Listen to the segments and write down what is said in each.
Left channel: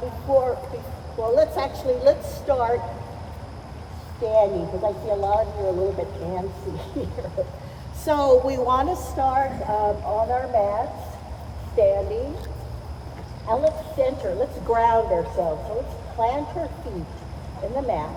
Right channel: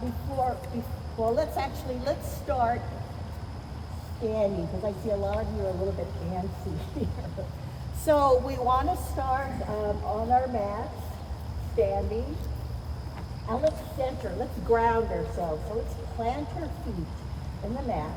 Before, well, let's start standing because I see a lot of you are a little bit antsy here. So we want to start on our mats, standing, and let's center, let's ground ourselves. So let's plant our feet in the mat.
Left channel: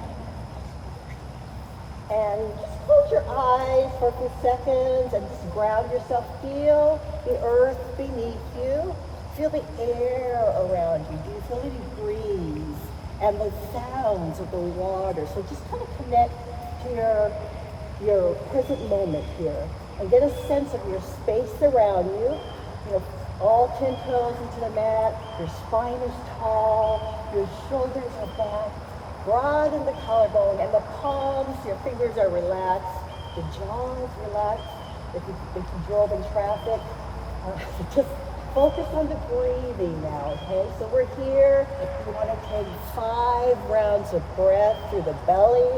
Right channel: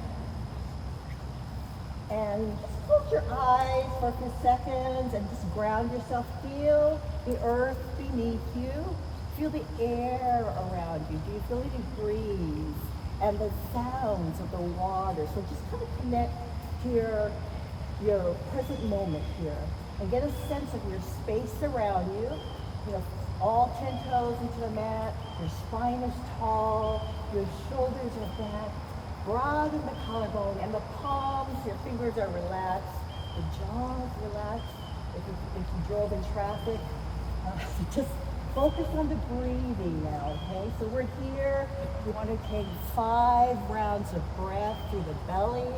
And just close your eyes for a few seconds and just ground yourself. Feel the earth beneath you. Feel the air around you. Do you feel any breeze? And the sounds of the water. So just kind of connect to your present moment here. And get a sense of your space around you. You're all 10 toes into the mat. Your spine is tall. Your shoulders are back. Broaden the collarbone and the palms, your fingers are relaxed. The jaw is relaxed. If you drove in traffic, just focus on the breathing now, okay? So we're here. We want to take 5 rounds of breath through the belly.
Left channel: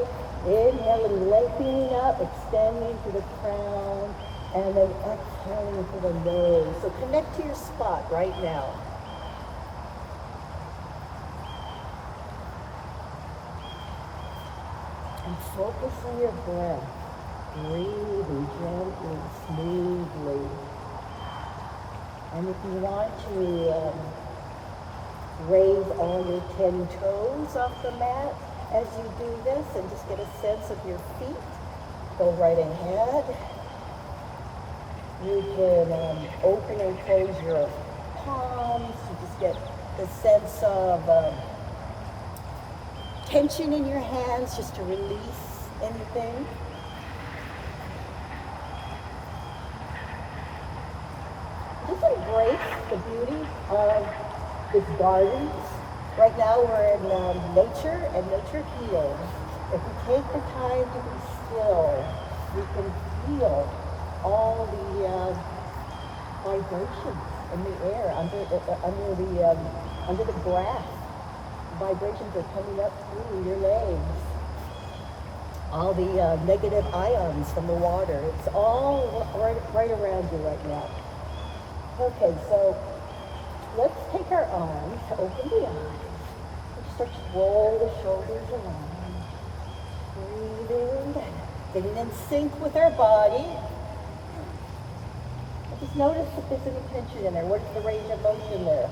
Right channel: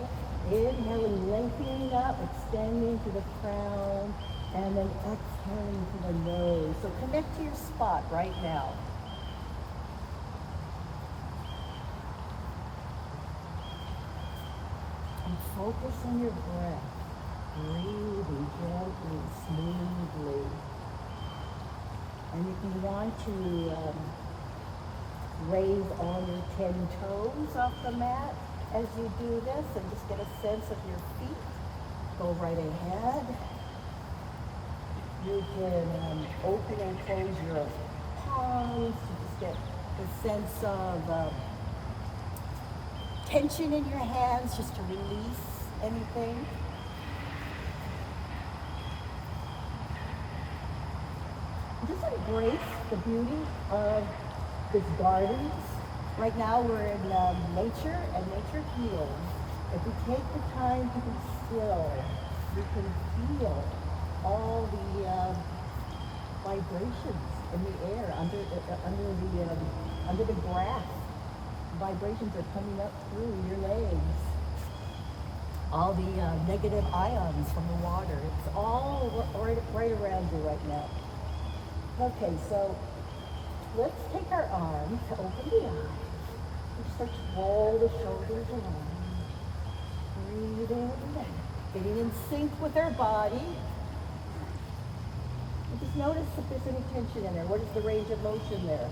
Inhaling, lengthening up, extending to the crown, and then exhaling to the nose. So connect to your spot right now. And focus on your breath, breathing gently, smoothly. And if you want to raise all your 10 toes off the mat as you do this and just get a sense of your feet, go right ahead. You can open and close your palms to just get the sense of tension in your hands, just to release anything. Just embrace the beauty of this garden. Right now we're in nature, and nature heals. If we take the time to be still, we can feel all the vibrations in the air under the grass. Vibrations are coming up through your legs. All the negative ions from the water. It's all right around you right now. Okay, so let's take our arms, open the eyes. We start to roll the shoulders around. Breathing, getting in sync with our body. And just notice if there's any tension in there. What is the range of motion there?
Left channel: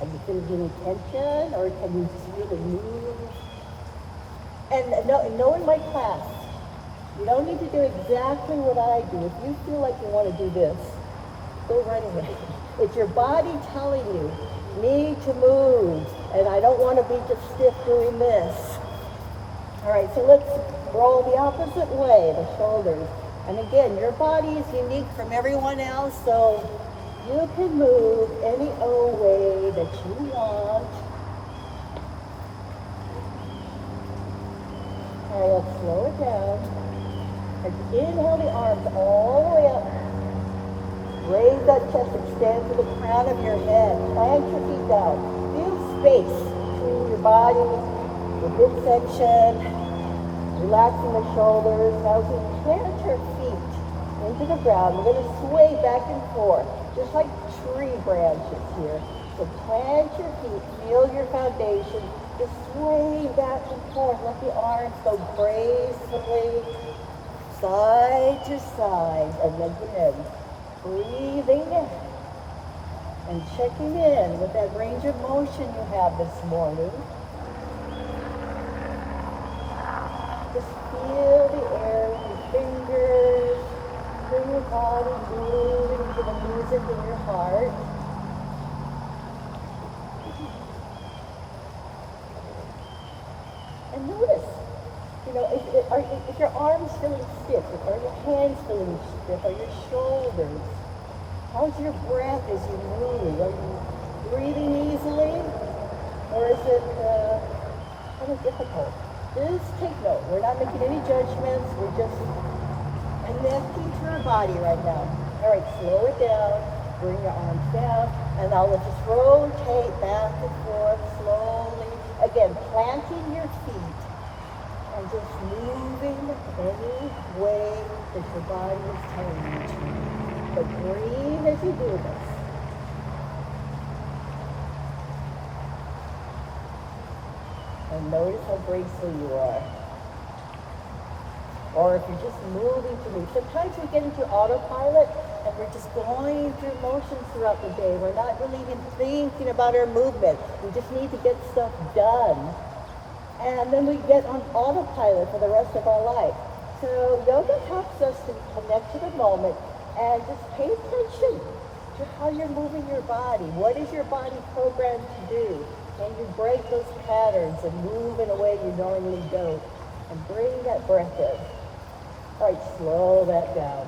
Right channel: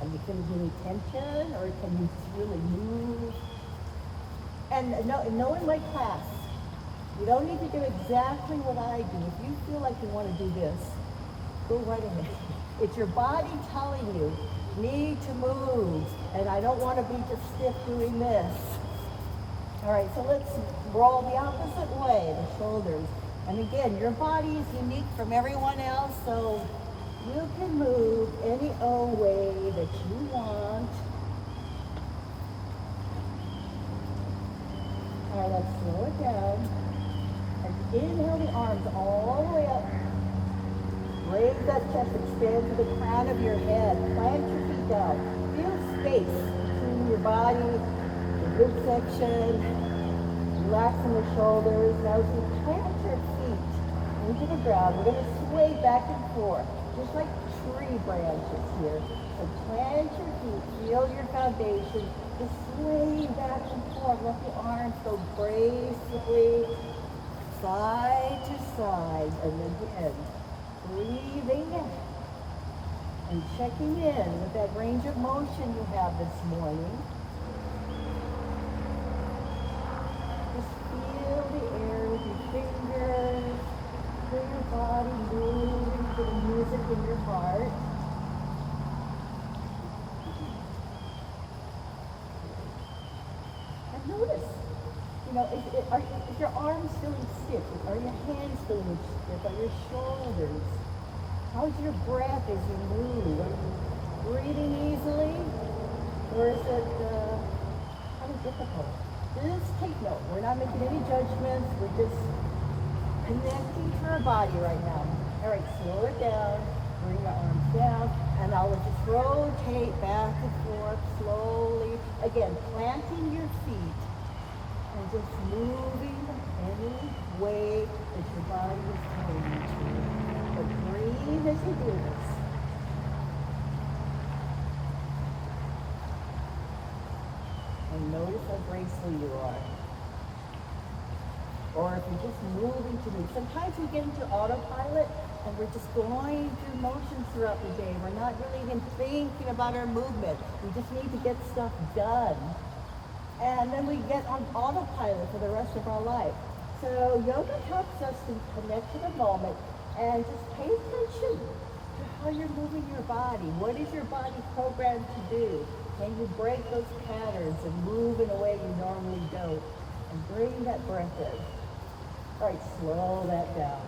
Are you feeling any tension, or can you just really move? And know in my class, you don't need to do exactly what I do. If you feel like you want to do this, go right ahead. It's your body telling you, need to move, and I don't want to be just stiff doing this. All right, so let's roll the opposite way, the shoulders. And again, your body is unique from everyone else, so you can move any old way that you want. All right, let's slow it down. And inhale the arms all the way up. Raise that chest, extend to the crown of your head. Plant your feet down. Feel space between your body, your midsection, relaxing the shoulders. Now as you plant your feet into the ground, we're going to sway back and forth, just like tree branches here. So plant your feet, feel your foundation, just sway back and forth. Let the arms go gracefully, side to side, and again, breathing in and checking in with that range of motion you have this morning. Just feel the air with your fingers, feel your body moving to the music in your heart. And notice, if your arms feeling stiff, or your hands feeling stiff, or your shoulders, how's your breath as you move? Are you breathing easily, or is it kind of difficult? Just take note. We're not making any judgments. We're just connecting to our body right now. All right, slow it down. Bring your arms down, and now let's just rotate back and forth slowly. Again, planting your feet. And just moving any way that your body is telling you to. But breathe as you do this. And notice how graceful you are. Or if you're just moving to move. Sometimes we get into autopilot and we're just going through motions throughout the day. We're not really even thinking about our movement. We just need to get stuff done. And then we get on autopilot for the rest of our life. So yoga helps us to connect to the moment and just pay attention to how you're moving your body. What is your body programmed to do? Can you break those patterns and move in a way you normally don't? And bring that breath in. All right, slow that down.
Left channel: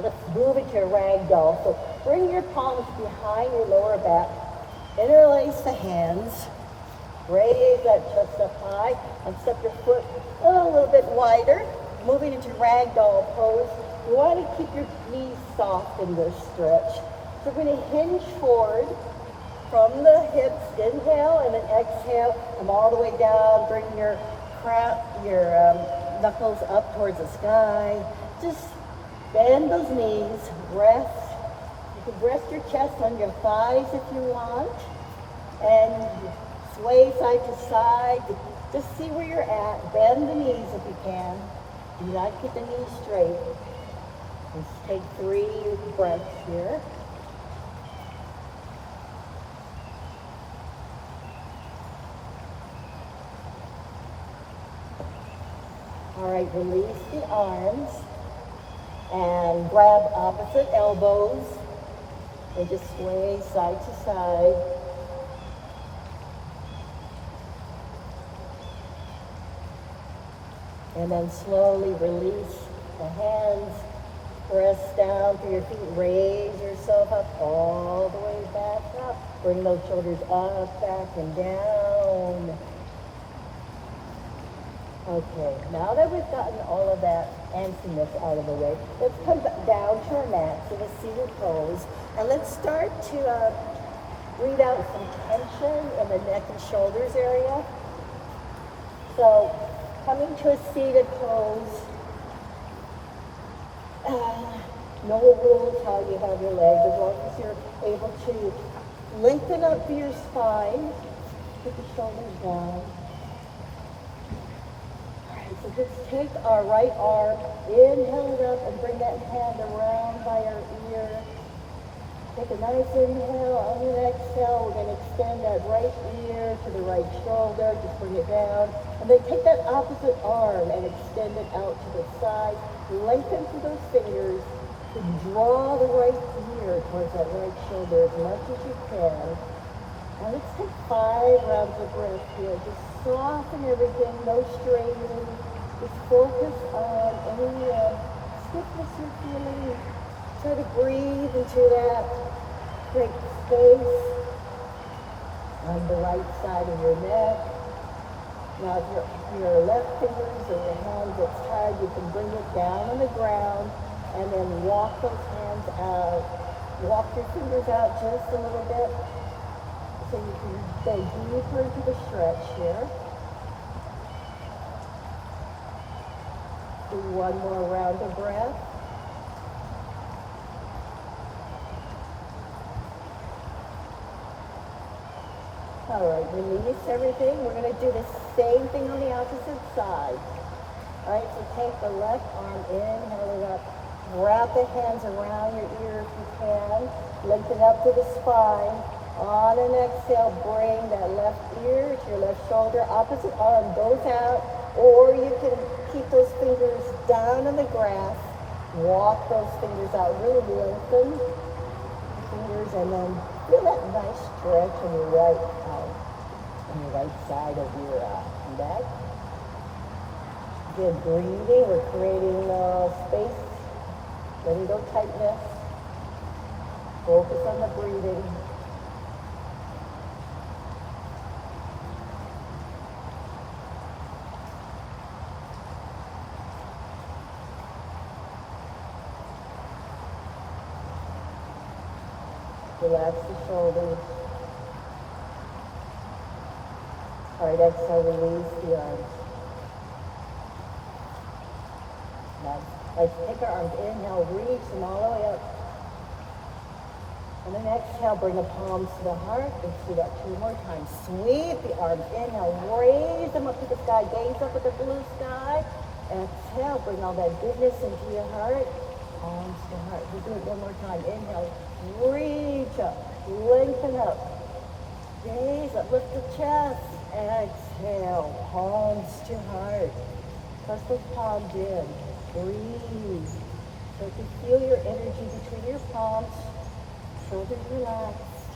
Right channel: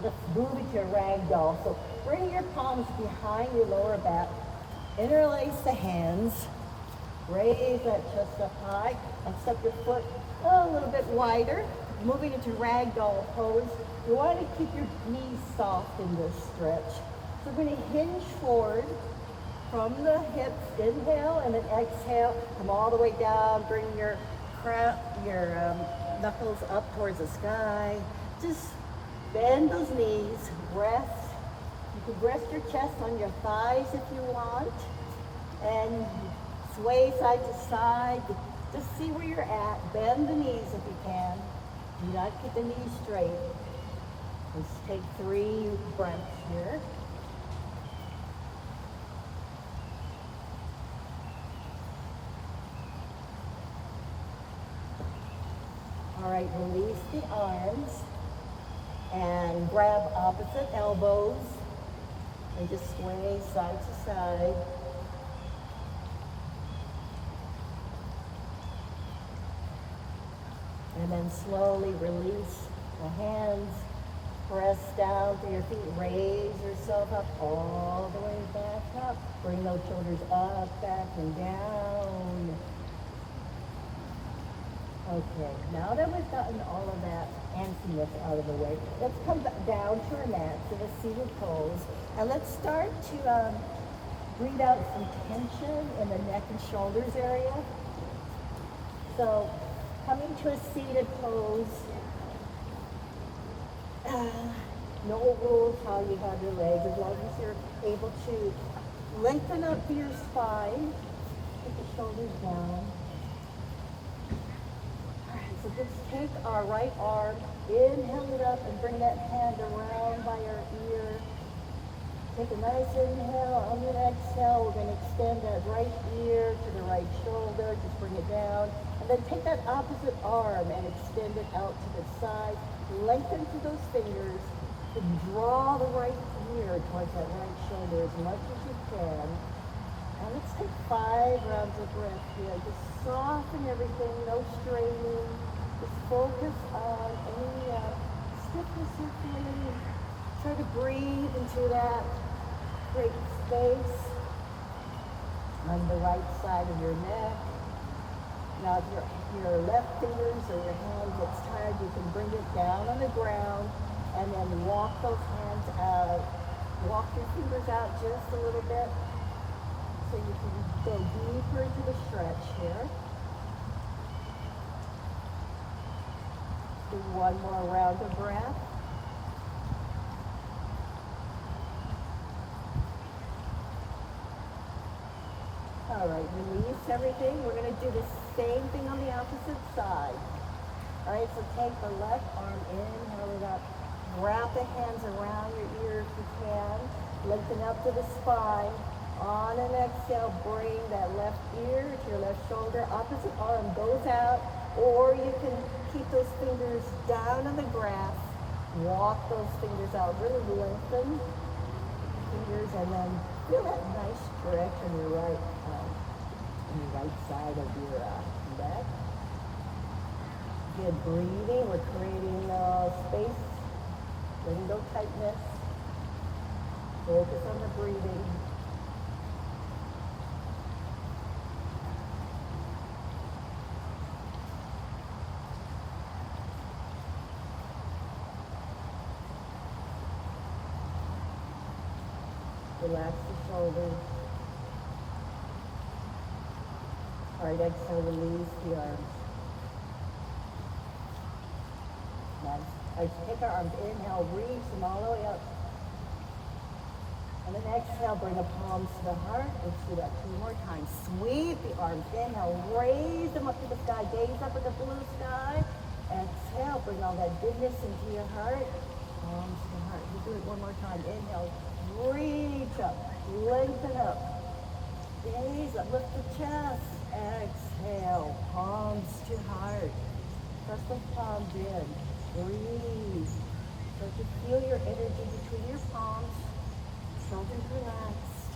Let's move into ragdoll. So bring your palms behind your lower back. Interlace the hands. Raise that chest up high. And step your foot a little bit wider. Moving into ragdoll pose. You want to keep your knees soft in this stretch. So we're going to hinge forward from the hips. Inhale and then exhale. Come all the way down. Bring your knuckles up towards the sky. Just bend those knees. Rest. You can rest your chest on your thighs if you want. And sway side to side. Just see where you're at. Bend the knees if you can. Do not keep the knees straight. Let's take 3 breaths here. All right, release the arms and grab opposite elbows and just sway side to side. And then slowly release the hands, press down through your feet, raise yourself up all the way back up. Bring those shoulders up, back, and down. Okay, now that we've gotten all of that antsiness out of the way, let's come down to our mats in a seated pose. And let's start to breathe out some tension in the neck and shoulders area. So, come into a seated pose. No rules how you have your legs, as long as you're able to lengthen up your spine. Put the shoulders down. So just take our right arm, inhale it up, and bring that hand around by our ear. Take a nice inhale. On your exhale, we're going to extend that right ear to the right shoulder. Just bring it down. And then take that opposite arm and extend it out to the side. Lengthen through those fingers to draw the right ear towards that right shoulder as much as you can. And let's take 5 rounds of breath here. Just soften everything, no straightening. Just focus on any stiffness you're feeling. Try to breathe into that. Create space on the right side of your neck. Now if your left fingers or your hand gets tired, you can bring it down on the ground and then walk those hands out. Walk your fingers out just a little bit so you can go deeper into the stretch here. Do one more round of breath. All right, release everything. We're going to do the same thing on the opposite side. All right, so take the left arm, inhale it up. Wrap the hands around your ear if you can. Lengthen up to the spine. On an exhale, bring that left ear to your left shoulder. Opposite arm goes out, or you can keep those fingers down on the grass. Walk those fingers out. Really lengthen fingers, and then feel that nice stretch on your right side of your neck. Good breathing. We're creating space. Letting go tightness. Focus on the breathing. Relax the shoulders. All right, exhale, release the arms. Nice. Let's take our arms, inhale, reach them all the way up. And then exhale, bring the palms to the heart. Let's do that 2 more times. Sweep the arms. Inhale, raise them up to the sky. Gaze up at the blue sky. Exhale, bring all that goodness into your heart. Palms to the heart. We'll do it 1 more time. Inhale, reach up, lengthen up. Gaze up, lift the chest. Exhale, palms to heart. Press those palms in. Breathe. So you can feel your energy between your palms. Shoulders relaxed.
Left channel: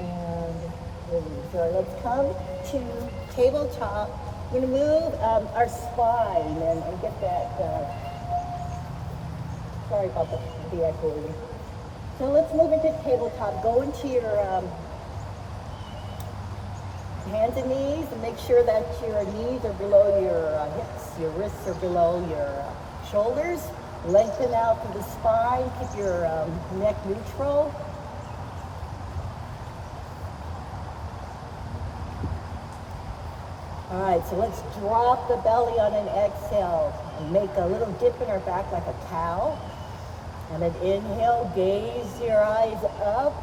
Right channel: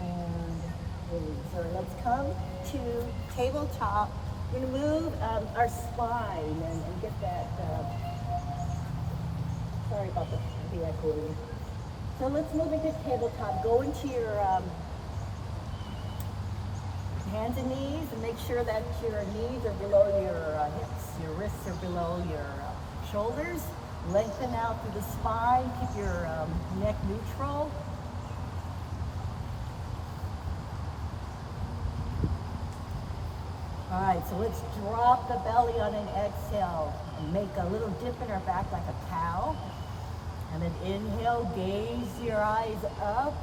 And release. All right, let's come to tabletop. We're going to move our spine and get that. Sorry about the echoing. So let's move into tabletop. Go into your hands and knees and make sure that your knees are below your hips, your wrists are below your shoulders. Lengthen out through the spine, keep your neck neutral. All right, so let's drop the belly on an exhale and make a little dip in our back like a cow. And then inhale, gaze your eyes up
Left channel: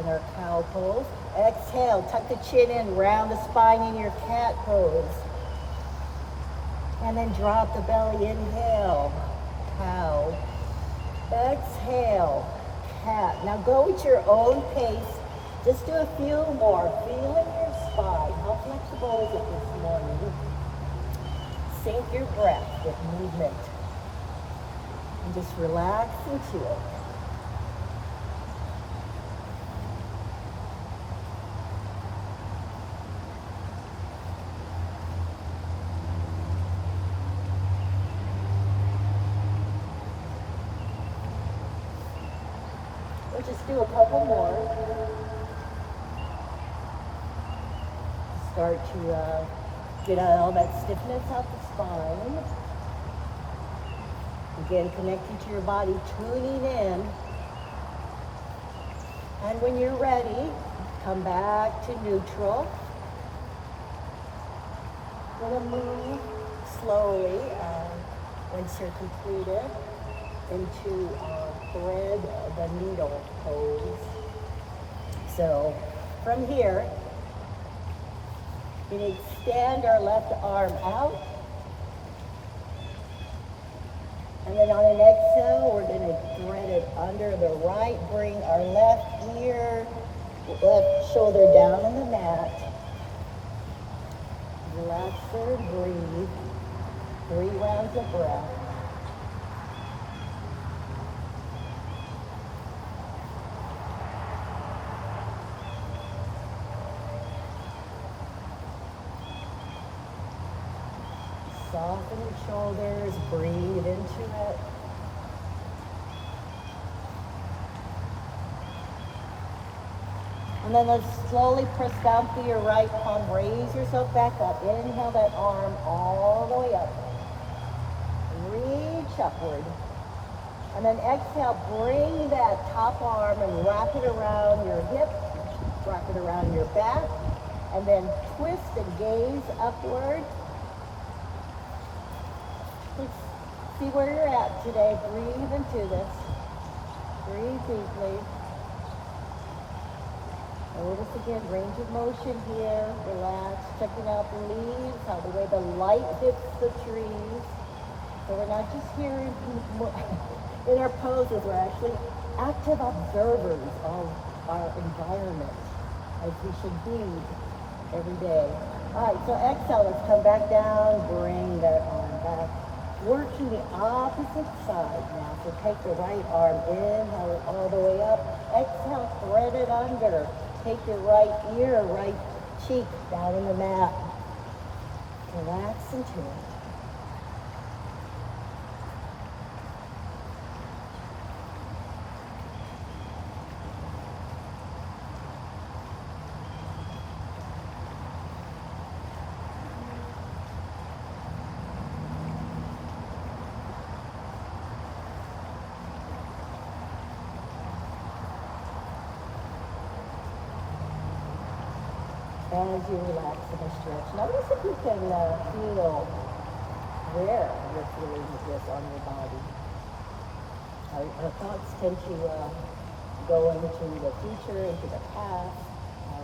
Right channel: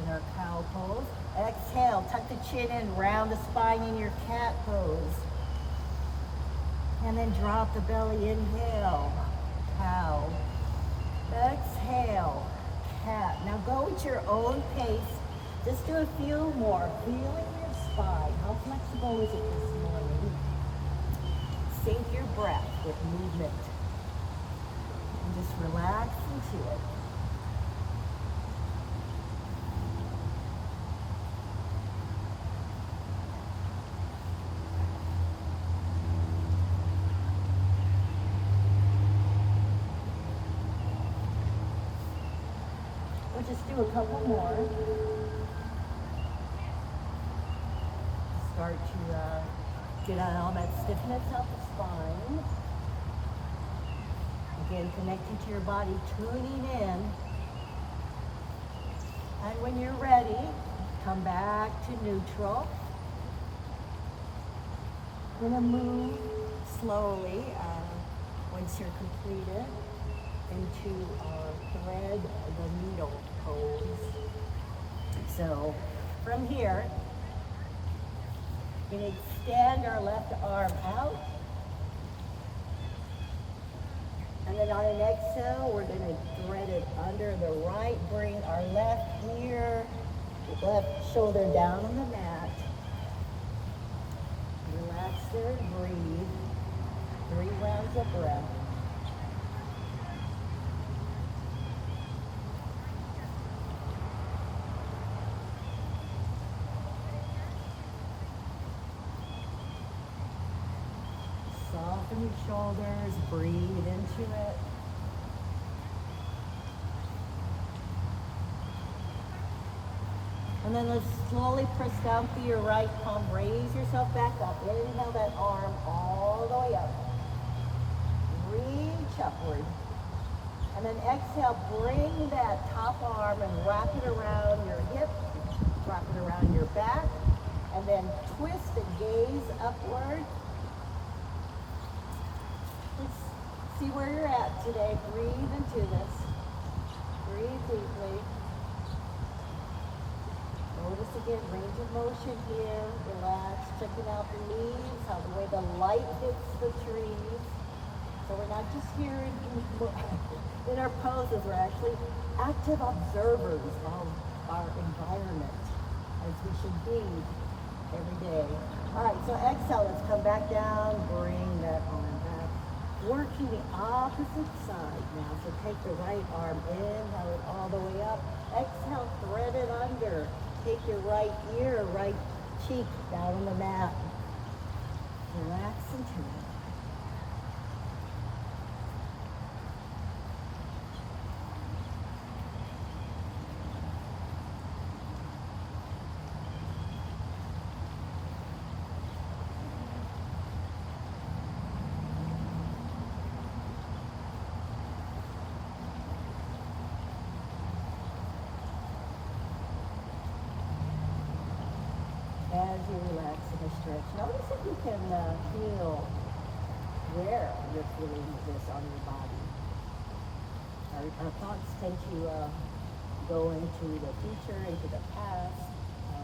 in our cow pose. Exhale, tuck the chin in, round the spine in your cat pose. And then drop the belly, inhale, cow. Exhale, cat. Now go at your own pace. Just do a few more. Feel in your spine. How flexible is it this morning? Sync your breath with movement. And just relax into it. We'll just do a couple more. Start to get all that stiffness out the spine. Again, connecting to your body, tuning in. And when you're ready, come back to neutral. We're going to move slowly, once you're completed, into thread the needle pose. So from here, we extend our left arm out. And then on an exhale, we're going to thread it under the right. Bring our left ear, left shoulder down on the mat. Relax there, breathe. 3 rounds of breath. Soften your shoulders, breathe into it. And then let's slowly press down through your right palm, raise yourself back up. Inhale that arm all the way up. Reach upward. And then exhale, bring that top arm and wrap it around your hip, wrap it around your back, and then twist and gaze upward. Let's see where you're at today. Breathe into this. Breathe deeply. Notice again, range of motion here. Relax, checking out the leaves, how the way the light hits the trees. So we're not just here in our poses, we're actually active observers of our environment, as we should be every day. All right, so exhale, let's come back down, bring that arm back. Working the opposite side now. So take the right arm, inhale it all the way up. Exhale, thread it under. Take your right ear, right cheek down on the mat. Relax into it. As you relax and stretch, notice if you can feel where you're feeling this on your body. Our thoughts tend to go into the future, into the past.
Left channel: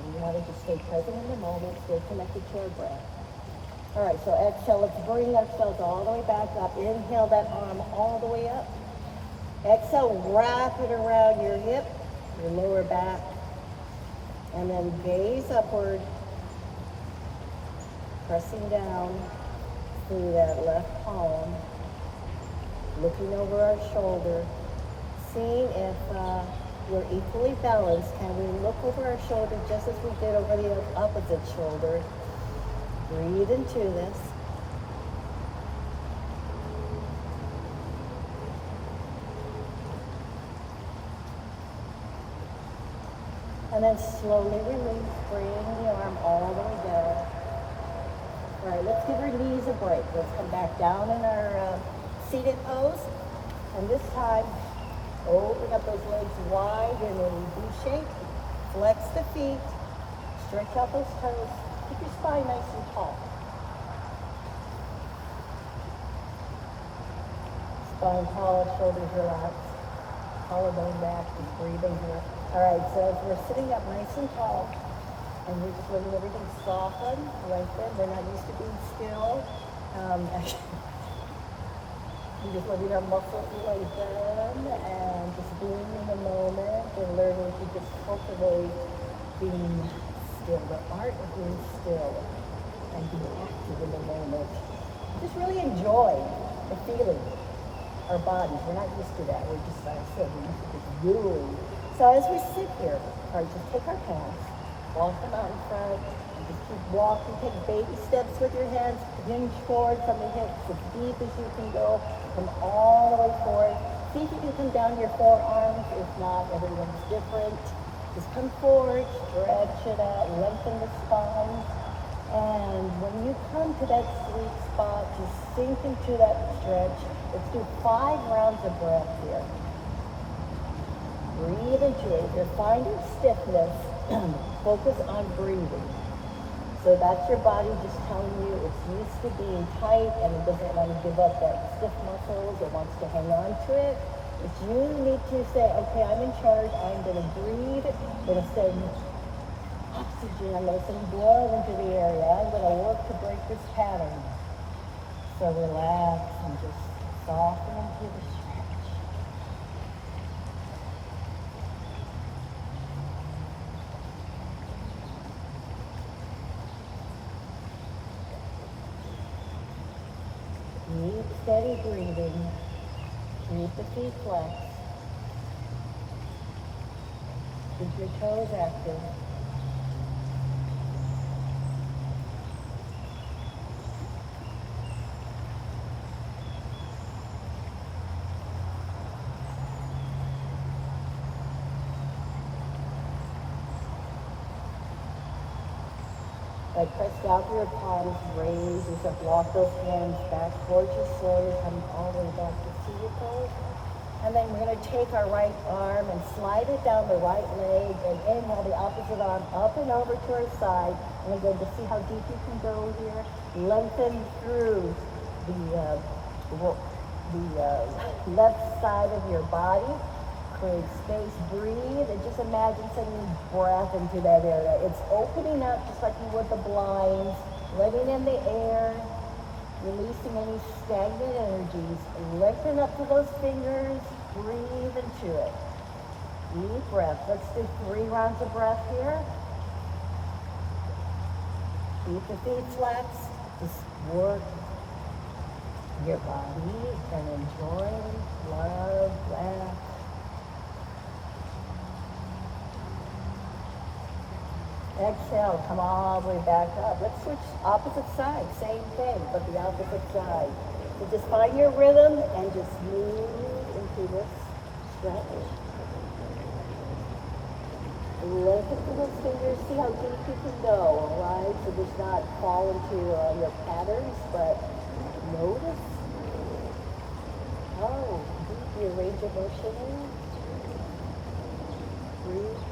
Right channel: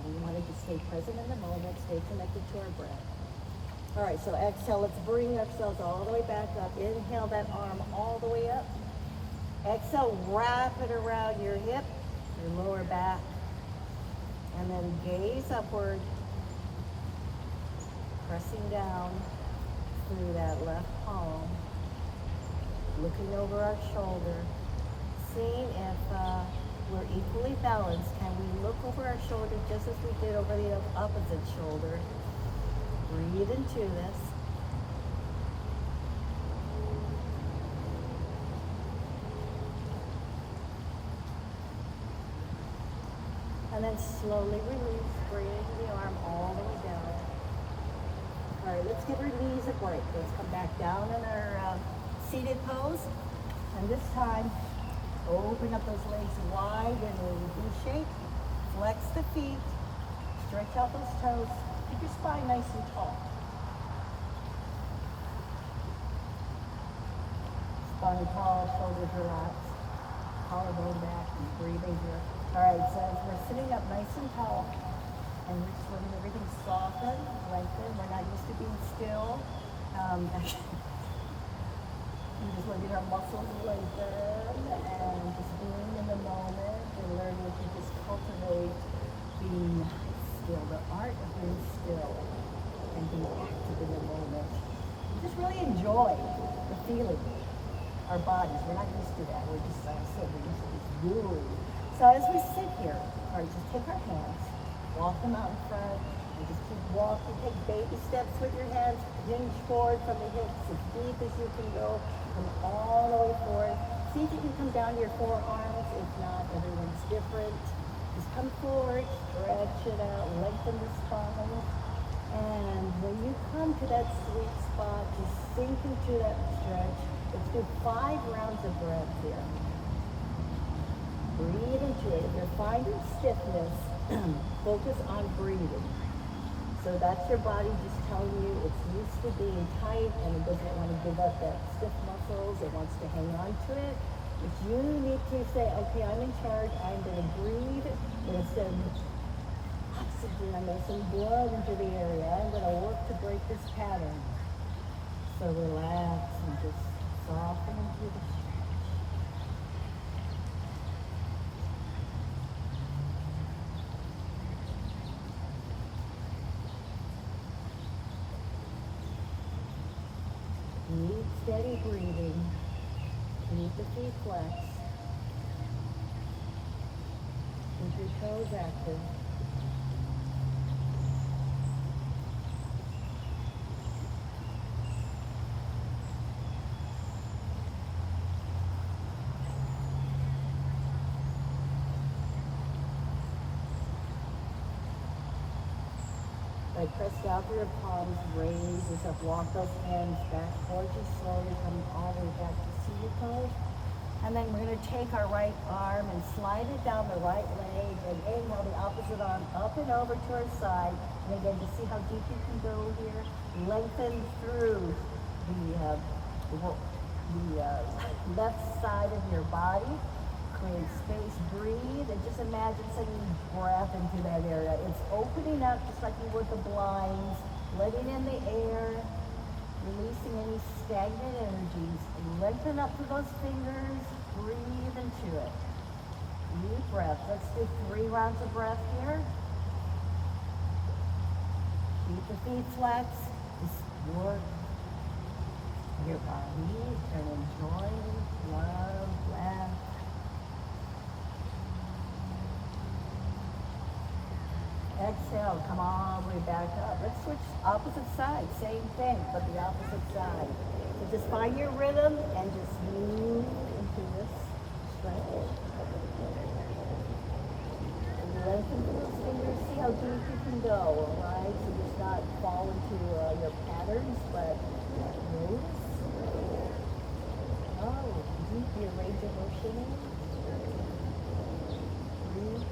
We wanted to stay present in the moment, stay connected to our breath. All right, so exhale, let's bring ourselves all the way back up. Inhale that arm all the way up. Exhale, wrap it around your hip, your lower back, and then gaze upward, pressing down through that left palm, looking over our shoulder, seeing if we're equally balanced. Can we look over our shoulder just as we did over the opposite shoulder? Breathe into this. And then slowly release, bring the arm all the way down. All right, let's give our knees a break. Let's come back down in our seated pose. And this time, open up those legs wide in a V shape. Flex the feet. Stretch out those toes. Keep your spine nice and tall. Spine tall, shoulders relaxed. Collarbone back and breathing here. All right, so as we're sitting up nice and tall, and we're just letting everything soften, lengthen. We're not used to being still. We're just letting our muscles lengthen and just being in the moment and learning to just cultivate being still, the art of being still and being active in the moment. Just really enjoy the feeling. Our bodies, we're not used to that. We're just, like I said, we're used to just doing. So as we sit here, all right, just take our hands, walk them out in front, and just keep walking. Take baby steps with your hands, hinge forward from the hips as deep as you can go. Come all the way forward. See if you can come down to your forearms. If not, everyone's different. Just come forward, stretch it out, lengthen the spine. And when you come to that sweet spot, just sink into that stretch. Let's do 5 rounds of breath here. Breathe into it. If you're finding stiffness, focus on breathing. So that's your body just telling you it's used to being tight and it doesn't want to give up that stiff muscles. It wants to hang on to it. But you need to say, okay, I'm in charge. I'm going to breathe. I'm going to send oxygen. I'm going to send blood into the area. I'm going to work to break this pattern. So relax and just soften into the stretch. Deep, steady breathing. Keep the feet flexed. Keep your toes active. Like press down through your palms, raise yourself, walk those hands back towards you slowly, come all the way back to seated pose. And then we're going to take our right arm and slide it down the right leg and inhale the opposite arm up and over to our side. And again, to see how deep you can go here, lengthen through the left side of your body. Create space, breathe, and just imagine sending breath into that area. It's opening up just like you would the blinds, letting in the air, releasing any stagnant energies. Lengthen up to those fingers, breathe into it. Deep breath. Let's do 3 rounds of breath here. Keep the feet flexed. Just work your body and enjoy, love, laugh. Exhale, come all the way back up. Let's switch opposite side, same thing, but the opposite side. So just find your rhythm and just move into this stretch. Lengthen through those fingers, see how deep you can go, right? So just not fall into your patterns, but notice how deep your range of motion is. Breathe.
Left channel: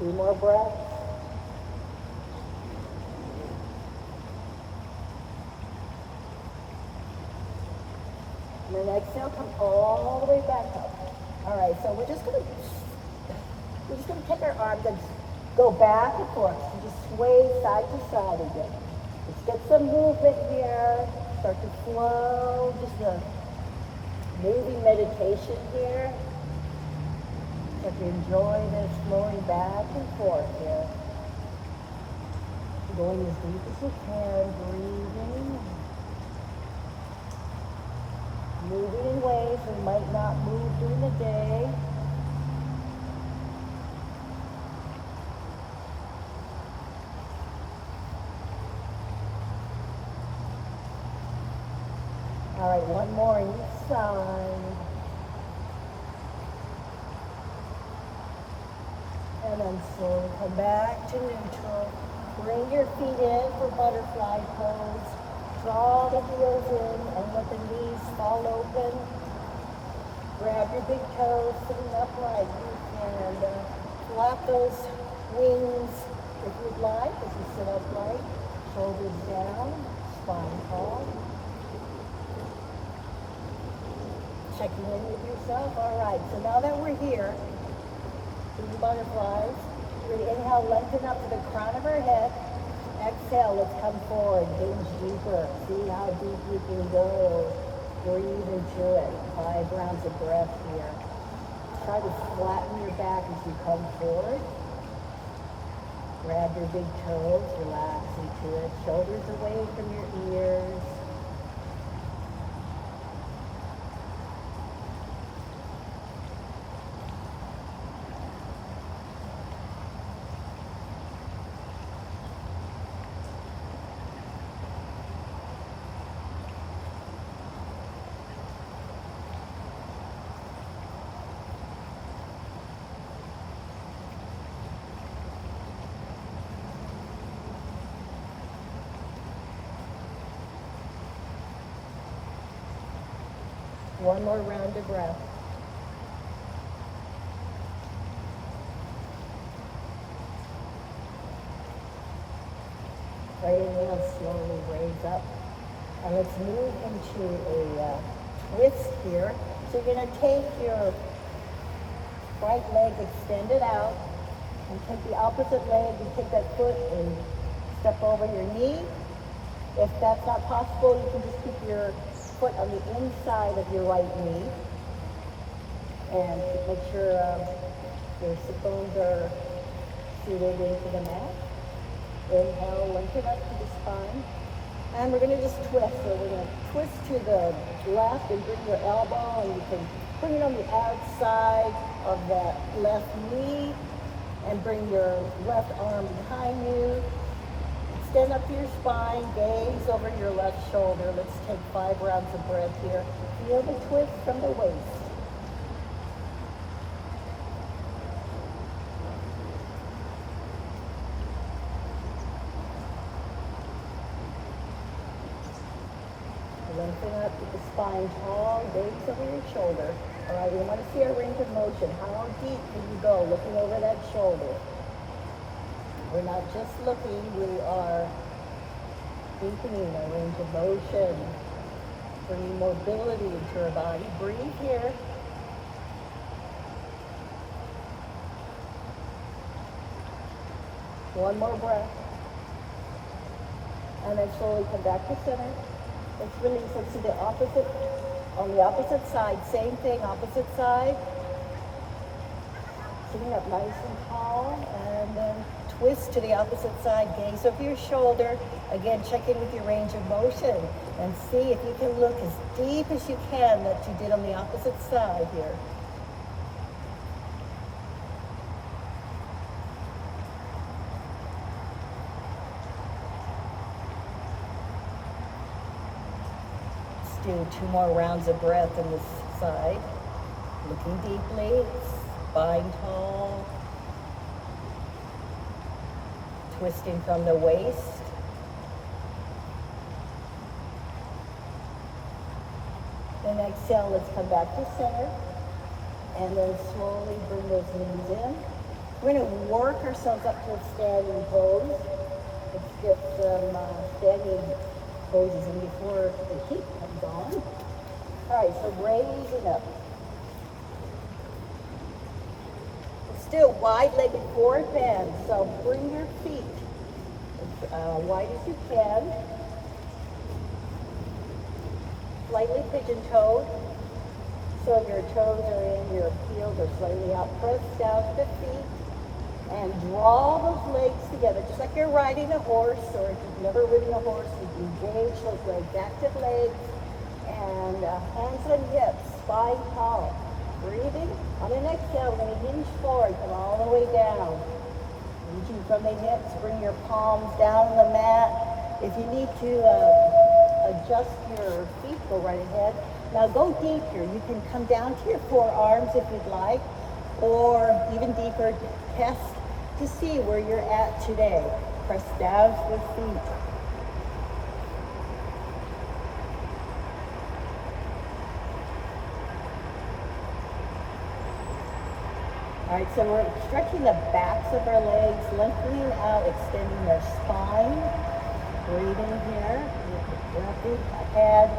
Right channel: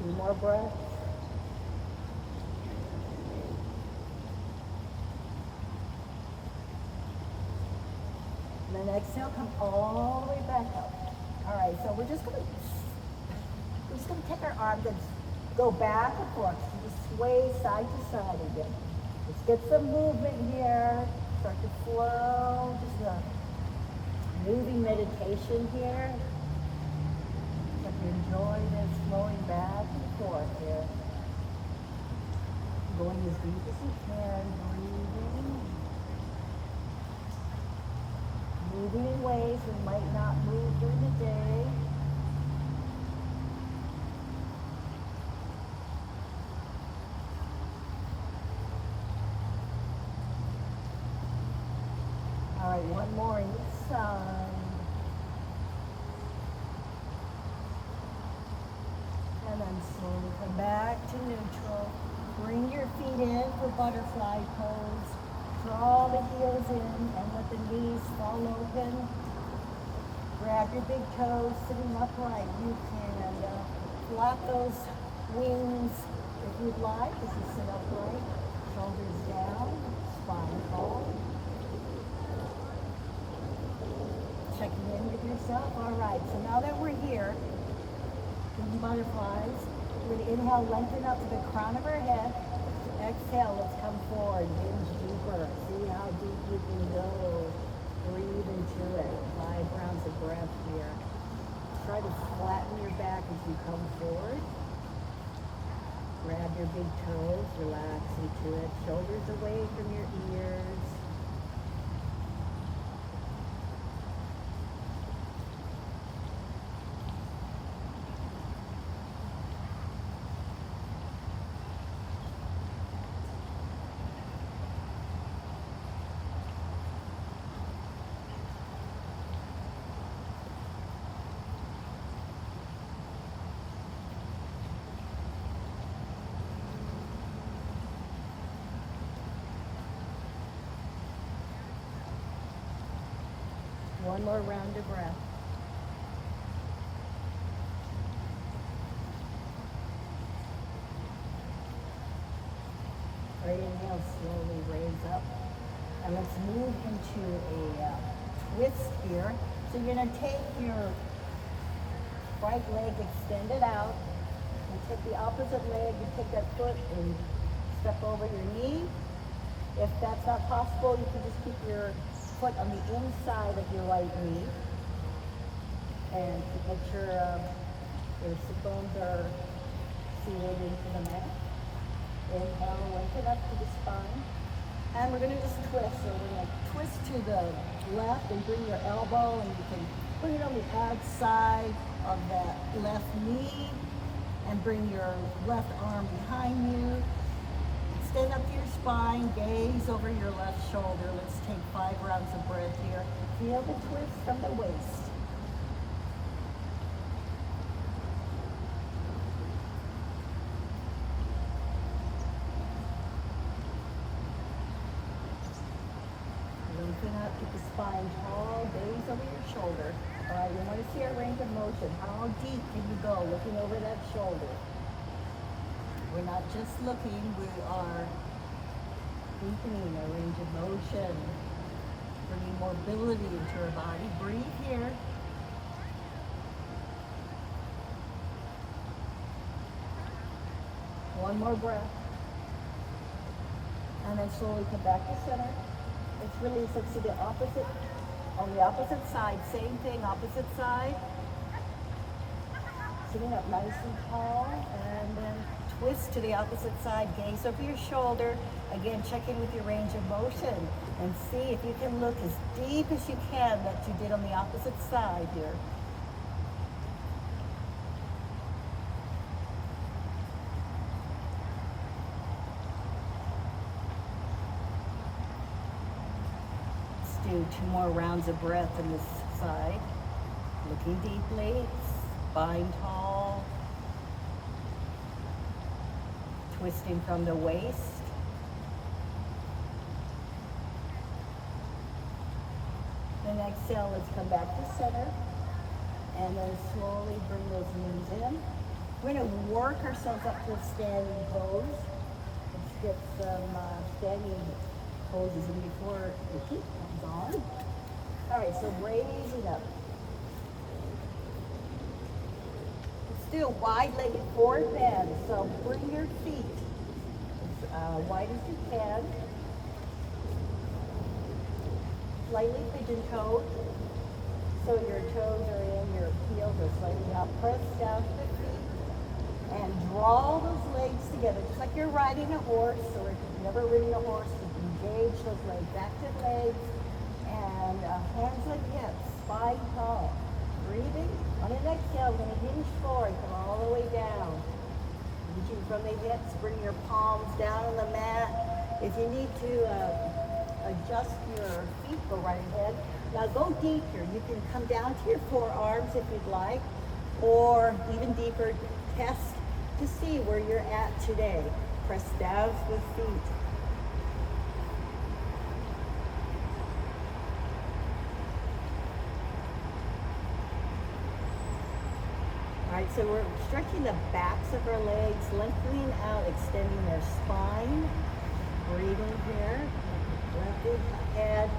2 more breaths. And then exhale, come all the way back up. All right, so we're just gonna take our arms and go back and forth. So just sway side to side again. Let's get some movement here. Start to flow, just a moving meditation here. Start to enjoy this flowing back and forth here. Going as deep as you can, breathing. Moving in ways we might not move during the day. All right, one more on each side. And then slowly come back to neutral. Bring your feet in for butterfly pose. Draw the heels in and let the knees fall open. Grab your big toes, sitting upright. You can flap those wings if you'd like as you sit upright. Shoulders down, spine tall. Checking in with yourself. All right, so now that we're here, in butterflies, we're going to inhale, lengthen up to the crown of our head. Exhale, let's come forward, hinge deeper. See how deep you can go. Breathe into it. 5 rounds of breath here. Try to flatten your back as you come forward. Grab your big toes, relax into it. Shoulders away from your ears. One more round of breath. Right inhale, slowly raise up. And let's move into a twist here. So you're going to take your right leg, extend it out, and take the opposite leg and take that foot and step over your knee. If that's not possible, you can just keep your foot on the inside of your right knee and make sure your sit bones are seated into the mat. Inhale, lengthen up to the spine. And we're going to just twist. So we're going to twist to the left and bring your elbow, and you can put it on the outside of that left knee and bring your left arm behind you. Stand up to your spine, gaze over your left shoulder. Let's take 5 rounds of breath here. Feel the twist from the waist. Lengthen up, keep the spine tall, gaze over your shoulder. All right, we want to see our range of motion. How deep can you go looking over that shoulder? We're not just looking, we are deepening our range of motion, bringing mobility into our body. Breathe here. One more breath. And then slowly come back to center. Let's release. Let's do the opposite, on the opposite side. Same thing, opposite side. Sitting up nice and tall, and then twist to the opposite side, gaze over your shoulder. Again, check in with your range of motion and see if you can look as deep as you can that you did on the opposite side here. Let's do 2 more rounds of breath on this side. Looking deeply, spine tall. Twisting from the waist. Then exhale, let's come back to center. And then slowly bring those knees in. We're going to work ourselves up to a standing pose. Let's get some standing poses in before the heat comes on. All right, so raising up. Still wide-legged forward bend. So bring your feet as wide as you can. Slightly pigeon-toed. So your toes are in, your heels are slightly out. Press down to the feet and draw those legs together, just like you're riding a horse, or if you've never ridden a horse, engage those legs, active legs, and hands and hips, spine tall. Breathing. On an exhale, we're going to hinge forward, come all the way down. Reaching from the hips, bring your palms down on the mat. If you need to adjust your feet, go right ahead. Now go deeper. You can come down to your forearms if you'd like, or even deeper, test to see where you're at today. Press down to the feet. All right, so we're stretching the backs of our legs, lengthening out, extending their spine. Breathing here, lifting head,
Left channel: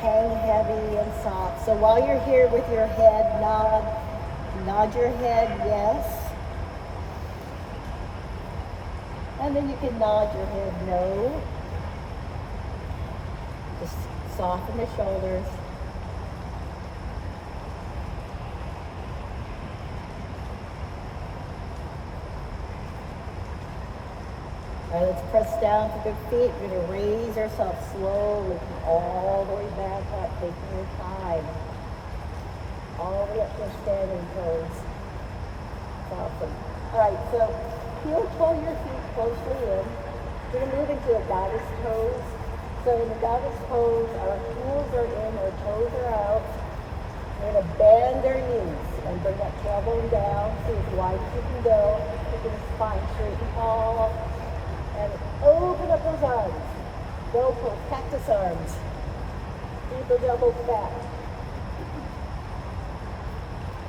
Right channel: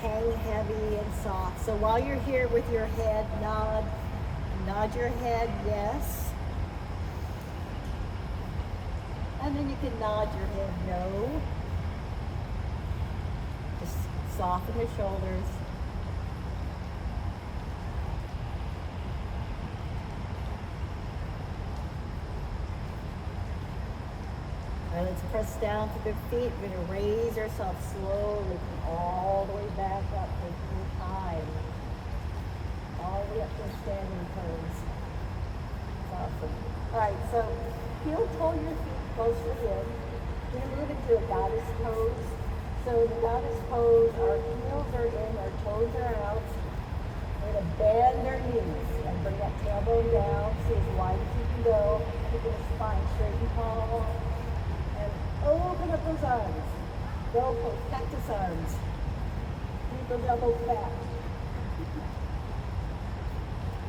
hang heavy and soft. So while you're here with your head, nod your head, yes. And then you can nod your head, no. Just soften the shoulders. All right, let's press down to the feet. We're going to raise ourselves slowly all the way back up, taking your time. All the way up to your standing pose. Awesome. All right, so heel toe your feet closely in. We're going to move into a goddess pose. So in the goddess pose, our heels are in, our toes are out. We're going to bend our knees and bring that tailbone down. See as wide as you can go. Keeping the spine straight and tall. And open up those arms. Go for cactus arms. Keep those elbows back.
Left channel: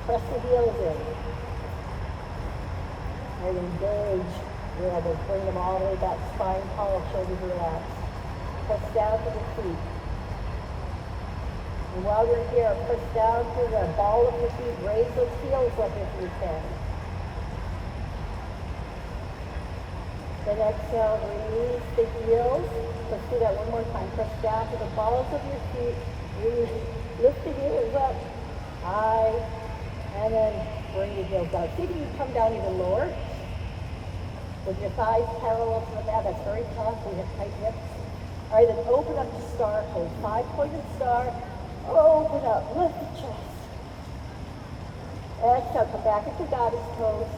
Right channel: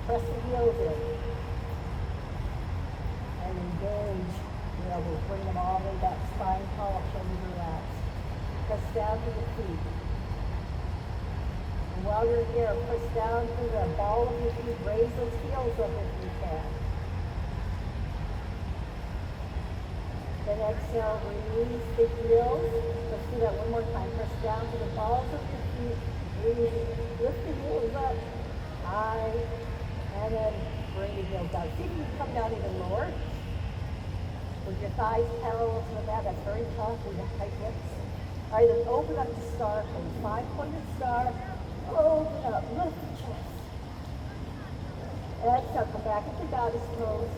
Press the heels in. And engage your elbows. Bring them all the way back. Spine tall, shoulders relaxed. Press down to the feet. And while you're here, press down to the ball of your feet. Raise those heels up if you can. Then exhale, release the heels. Let's do that one more time. Press down to the balls of your feet. Release. Lift the heels up high. And then bring the heels down. See if you can come down even lower. With your thighs parallel to the mat. That's very tough. We have tight hips. All right, then open up the star pose. 5-pointed star. Open up. Lift the chest. Exhale. Come back into goddess pose.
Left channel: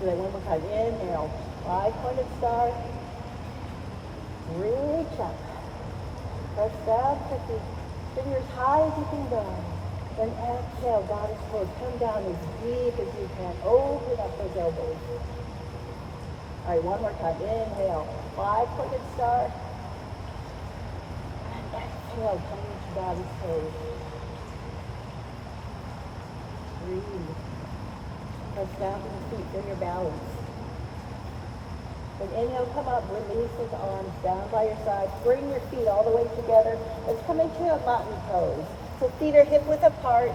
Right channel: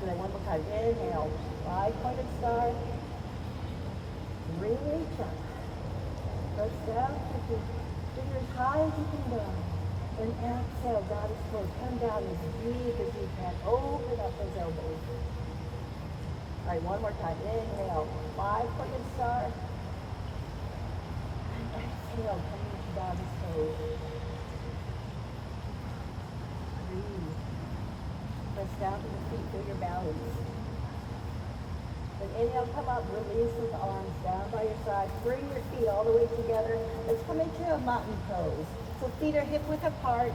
Do that one more time. Inhale. 5-pointed star. Reach up. Press down. Put your fingers high as you can go. Then exhale. Goddess pose. Come down as deep as you can. Open up those elbows. All right, one more time. Inhale. 5-pointed star. And exhale. Come into goddess pose. Breathe. Press down to the feet, feel your balance. Then inhale, come up, release those arms down by your side. Bring your feet all the way together. Let's come into a mountain pose. So feet are hip width apart.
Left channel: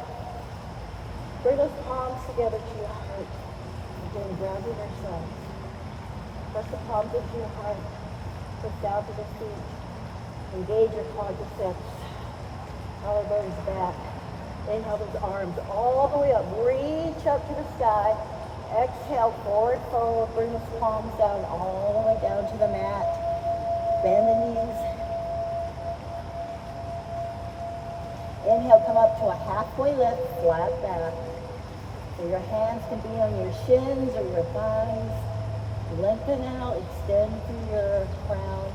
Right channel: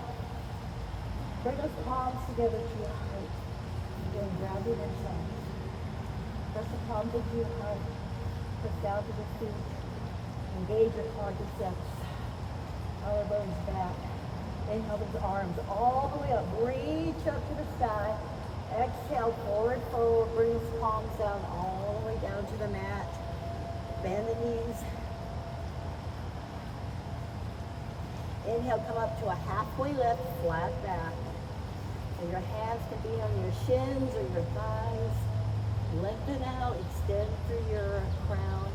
Bring those palms together to your heart. Again, grounding yourself. Press the palms into your heart. Press down to the feet. Engage your quadriceps. Collarbones back. Inhale those arms all the way up. Reach up to the sky. Exhale, forward fold. Bring those palms down all the way down to the mat. Bend the knees. Inhale, come up to a halfway lift, flat back. So your hands can be on your shins or your thighs. Lengthen out, extend through your crown.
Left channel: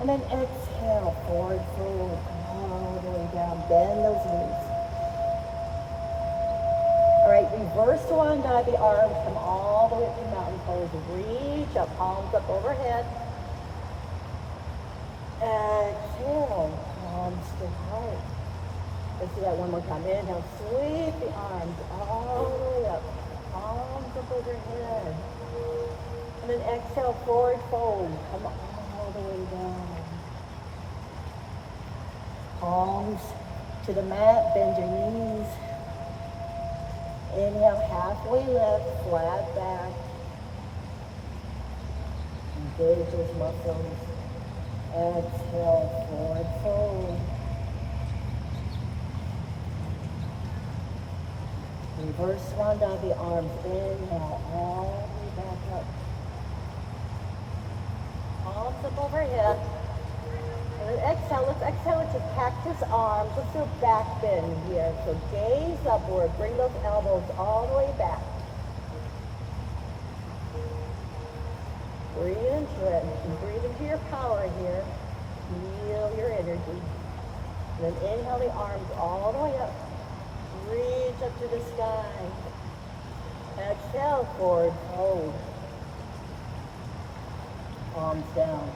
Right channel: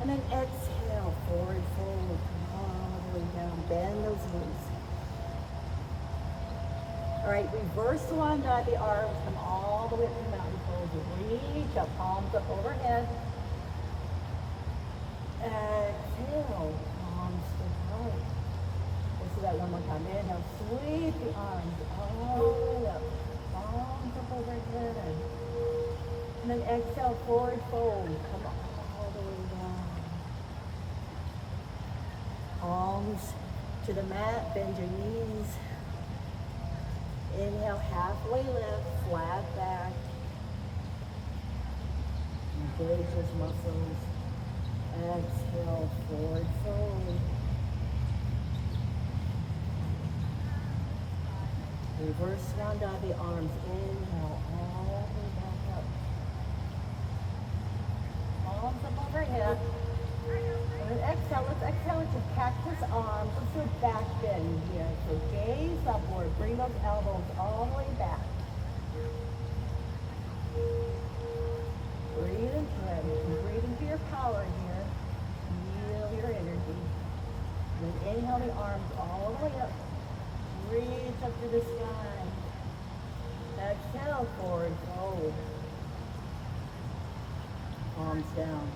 And then exhale, forward fold. All the way down, bend those knees. All right, reverse one, dive the arms, come all the way up to mountain pose. Reach up, palms up overhead. Exhale, palms to heart. Let's do that one more time. Inhale, sweep the arms all the way up, palms up overhead. And then exhale, forward fold, come all the way down. Palms to the mat, bend your knees. Inhale, halfway lift, flat back. Engage those muscles. Exhale, forward fold. Reverse round out the arms. Inhale, all the way back up. Palms up overhead. And then exhale, let's exhale into cactus arms. Let's do a back bend here. So gaze upward, bring those elbows all the way back. Breathe into it. And breathe into your power here. Feel your energy. And then inhale the arms all the way up. Reach up to the sky. Exhale, forward fold. Palms down.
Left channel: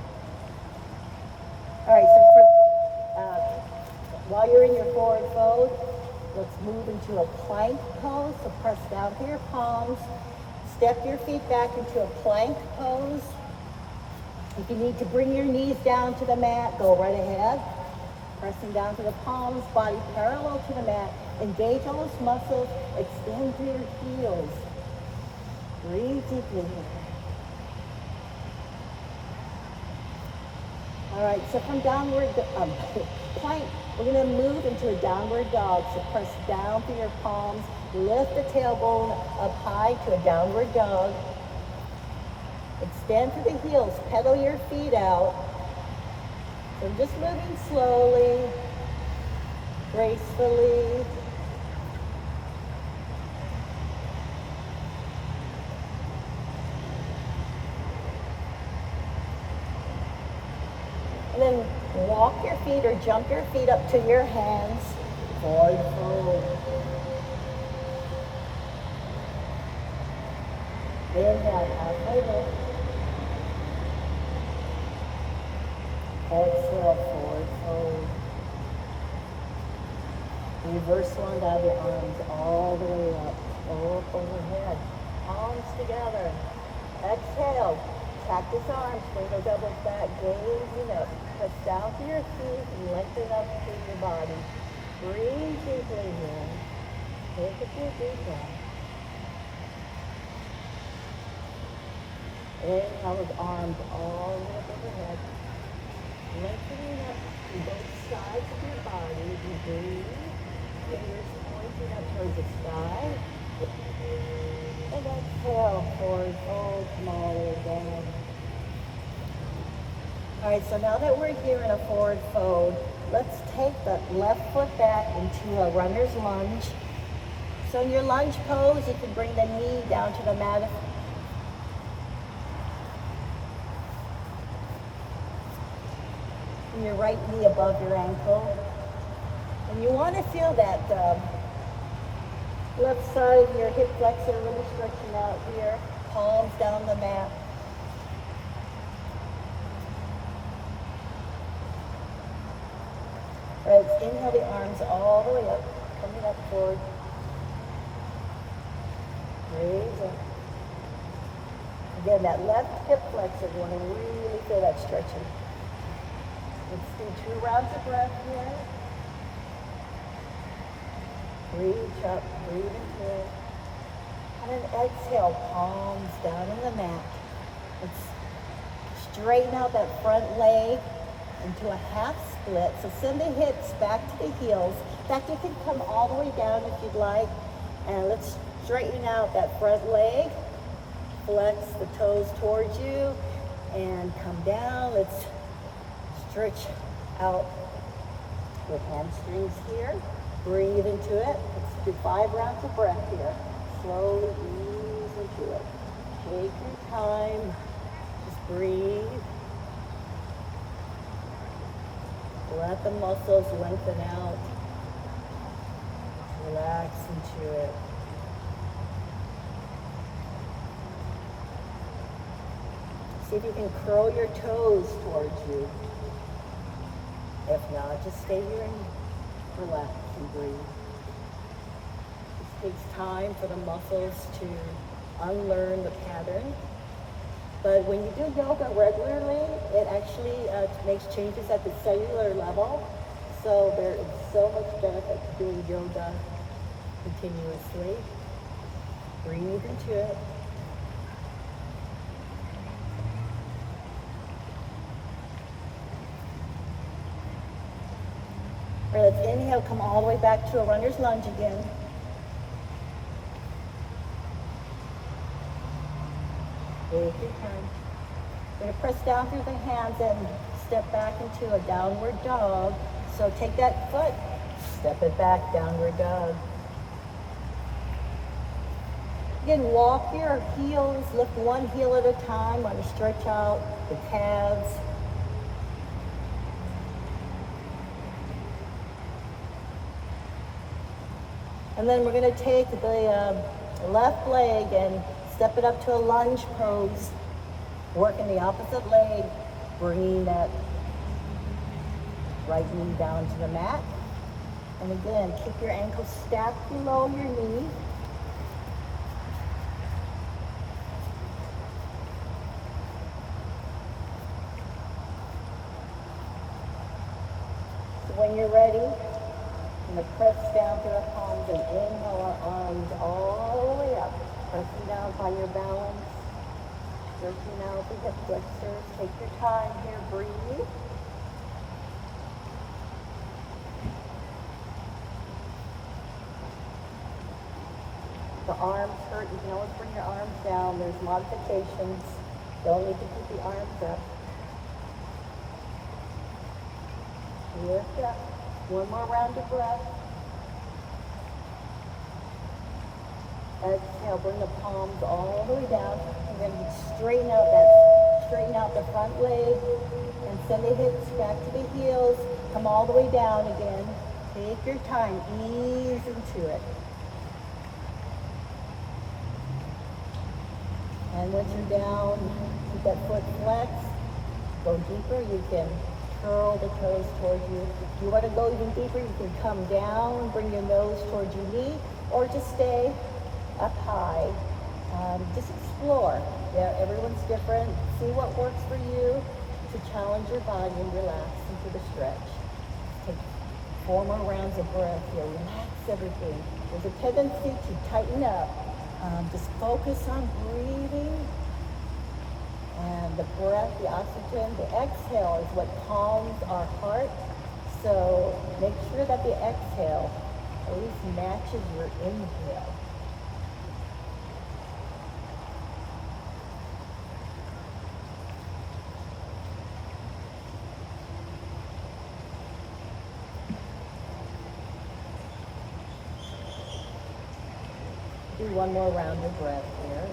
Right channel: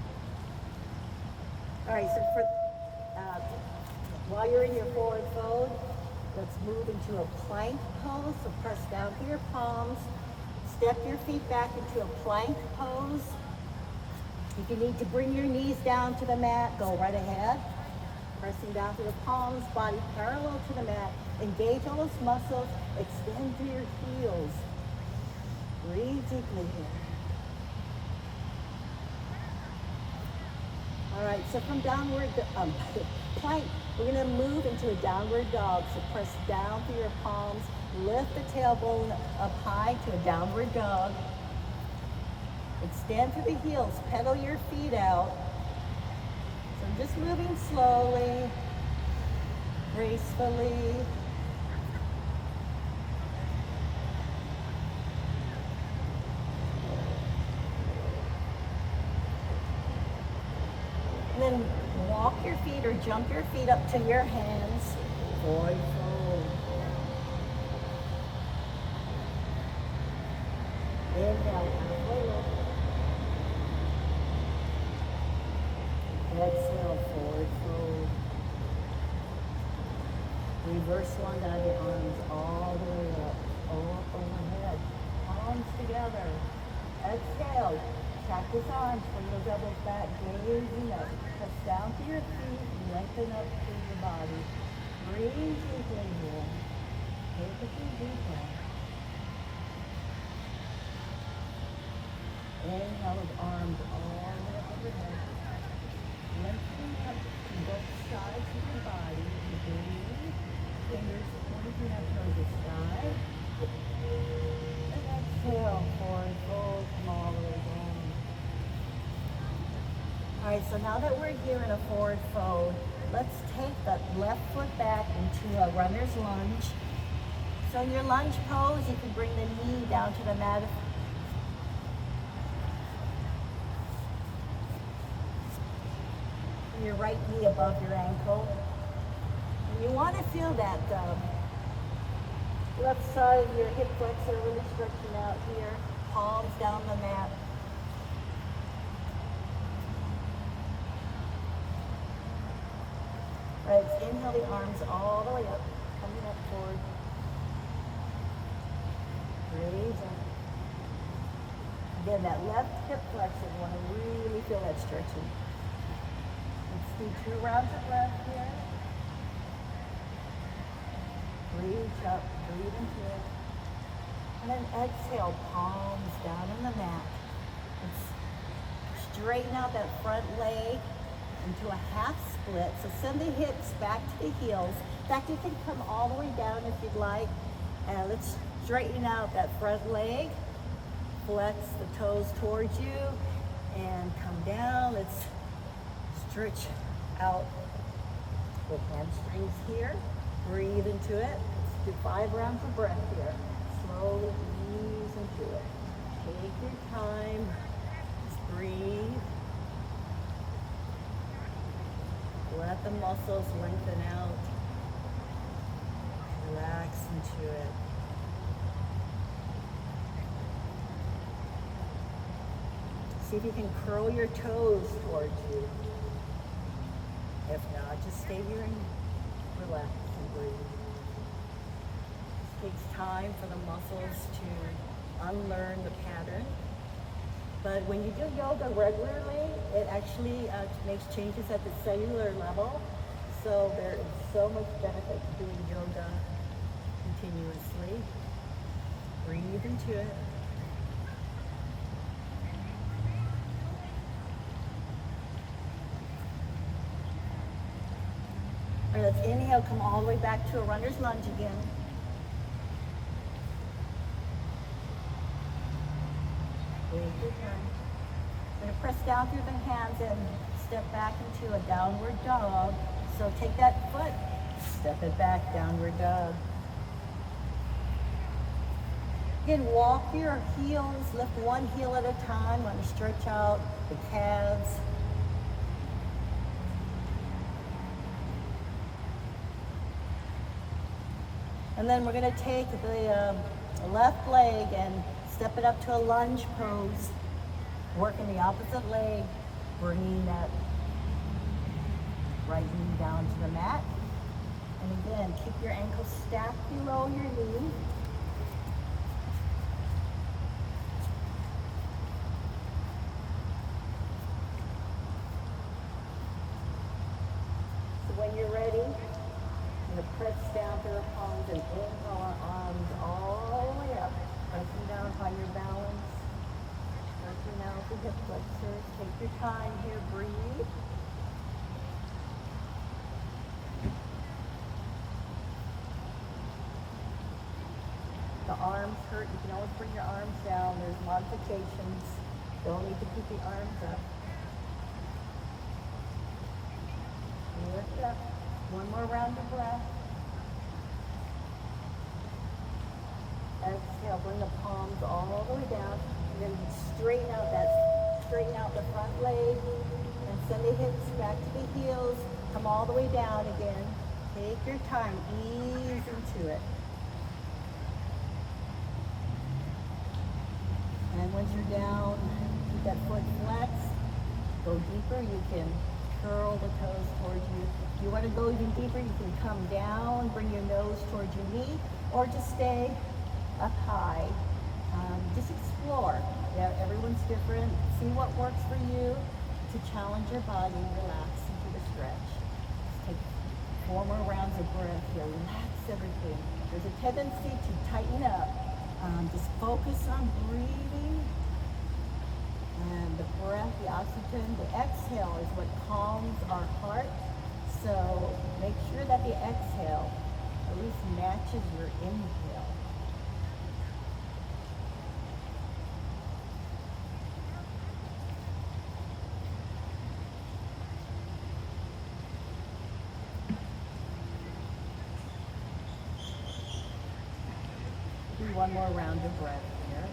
All right, so while you're in your forward fold, let's move into a plank pose. So press down to your palms. Step your feet back into a plank pose. If you need to bring your knees down to the mat, go right ahead. Pressing down to the palms, body parallel to the mat. Engage all those muscles. Extend through your heels. Breathe deeply. All right, so from downward plank, we're going to move into a downward dog. So press down through your palms. Lift the tailbone up high to a downward dog. Extend to the heels. Pedal your feet out. So just moving slowly, gracefully. And then walk your feet or jump your feet up to your hands. Forward fold. Inhale, halfway lift. Exhale, forward fold. Reverse one down your arms all the way up. Up overhead. Palms together. Exhale. Cactus arms. Bring those elbows back. Gazing up. Press down to your feet and lengthen up through your body. Breathe deeply here. Take a few deep breaths. Inhale those arms all the way up overhead. Lengthening up to both sides of your body. You breathe. Fingers pointing up towards the sky. And exhale, forward fold, come all the way down. All right, so now that we're here in a forward fold, let's take the left foot back into a runner's lunge. So in your lunge pose, you can bring the knee down to the mat. And your right knee above your ankle. And you want to feel that left side of your hip flexor really stretching out here. Palms down the mat. Right, inhale the arms all the way up, coming up forward. Raise up. Again, that left hip flexor, you want to really feel that stretching. Let's do 2 rounds of breath here. Reach up, breathe into it. And then exhale, palms down on the mat. Let's straighten out that front leg into a half split. So send the hips back to the heels. In fact, you can come all the way down if you'd like. And let's straighten out that front leg. Flex the toes towards you and come down. Let's stretch out the hamstrings here. Breathe into it. Let's do 5 rounds of breath here. Slowly ease into it. Take your time. Just breathe. Let the muscles lengthen out. Relax into it. See if you can curl your toes towards you. If not, just stay here and relax and breathe. It takes time for the muscles to unlearn the pattern. But when you do yoga regularly, it actually makes changes at the cellular level. So there is so much benefit to doing yoga continuously. Breathe into it. All right, let's inhale, come all the way back to a runner's lunge again. Take your time. We're going to press down through the hands and step back into a downward dog. So take that foot, step it back, downward dog. Again, walk your heels, lift one heel at a time. Want to stretch out the calves. And then we're going to take the left leg and step it up to a lunge pose. Working the opposite leg, bringing that right knee down to the mat. And again, keep your ankle stacked below your knee. So when you're ready, I'm going to press down to the palms and inhale our arms all the way up. Pressing down, find your balance. Stretching out the hip flexors. Take your time here, breathe. The arms hurt, you can always bring your arms down. There's modifications. Don't need to keep the arms up. Lift up. One more round of breath. Exhale, bring the palms all the way down. We're going to straighten out the front leg and send the hips back to the heels. Come all the way down again. Take your time, ease into it. And once you're down, keep that foot flexed. Go deeper, you can curl the toes towards you. If you want to go even deeper, you can come down, bring your nose towards your knee, or just stay up high. Just explore. Yeah, everyone's different. See what works for you to challenge your body and relax into the stretch. Take 4 more rounds of breath here. Relax everything. There's a tendency to tighten up. Just focus on breathing. And the breath, the oxygen, the exhale is what calms our heart. So make sure that the exhale at least matches your inhale. Do one more round of breath here.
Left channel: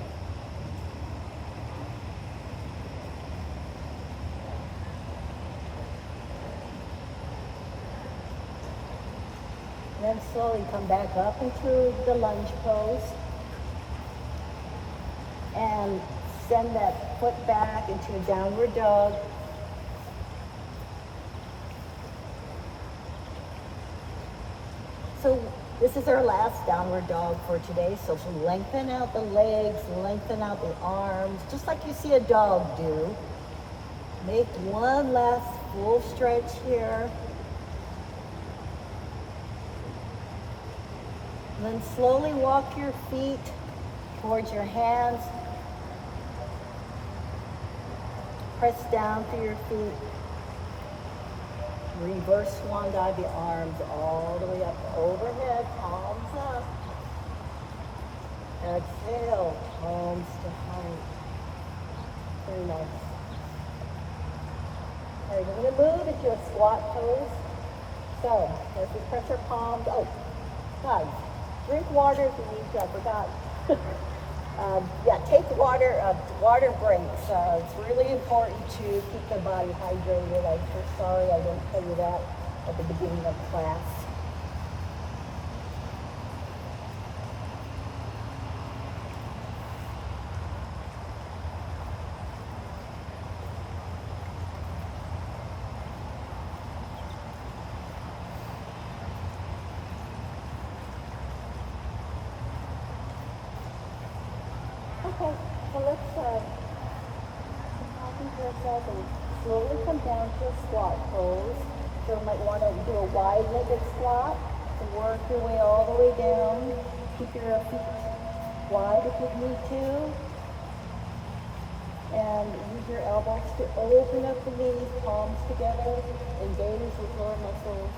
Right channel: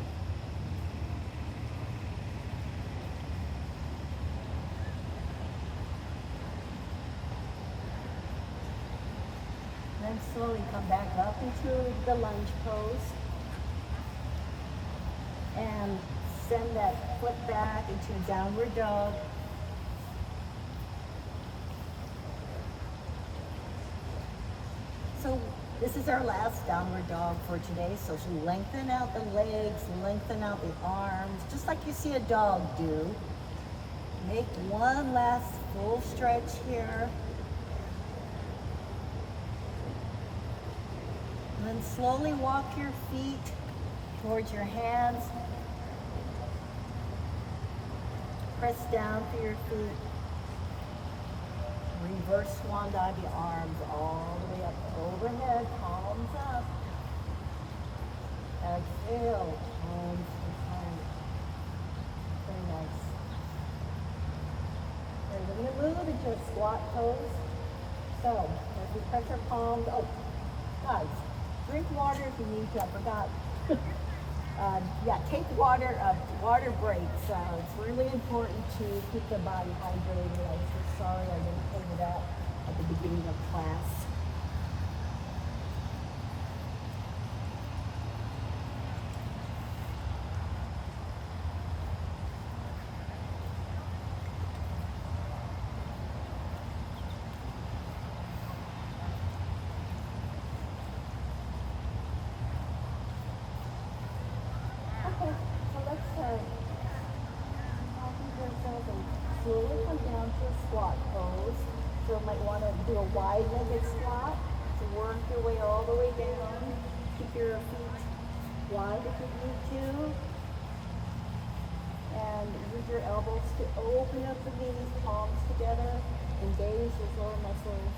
Then slowly come back up into the lunge pose. And send that foot back into a downward dog. So this is our last downward dog for today. So lengthen out the legs, lengthen out the arms, just like you see a dog do. Make one last full stretch here. And then slowly walk your feet towards your hands. Press down through your feet. Reverse swan dive, the arms all the way up overhead, palms up. Exhale, palms to heart. Very nice. All right, we're going to move into a squat pose. So, as we press our palms, guys, drink water if you need to, I forgot. Take water breaks. It's really important to keep the body hydrated. I'm so sorry I didn't tell you that at the beginning of class. Okay, so let's yourself and slowly come down to a squat pose. still might want to do a wide-legged squat. So work your way all the way down. Keep your feet wide if you need to. And use your elbows to open up the knees, palms together. Engage with your muscles.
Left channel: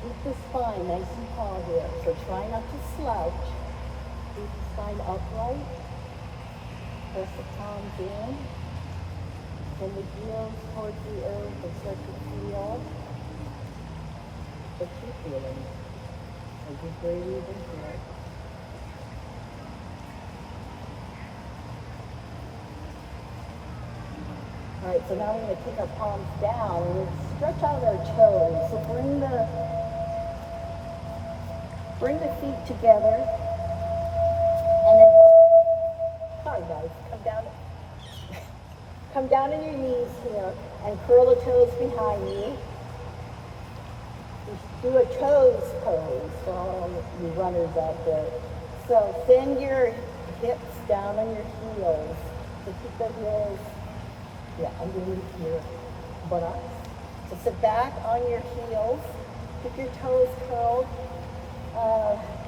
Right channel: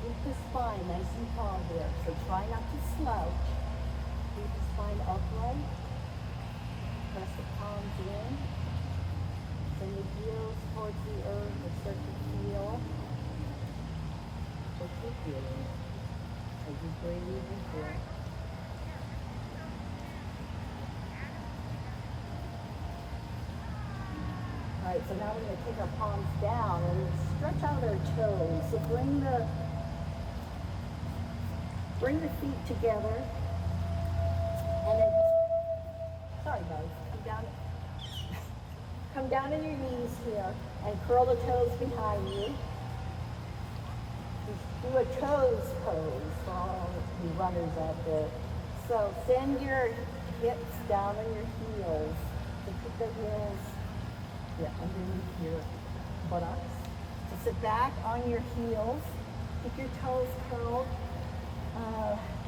Keep the spine nice and tall here. So try not to slouch. Keep the spine upright. Press the palms in. Send the heels towards the earth and start to feel what you're feeling as you breathe into it. All right, so now we're going to take our palms down and we'll stretch out our toes. So bring the feet together. And then, sorry guys, come down on your knees here and curl the toes behind you. Just do a toes pose for all you runners out there. So send your hips down on your heels. So keep the heels underneath your buttocks. So sit back on your heels. Keep your toes curled.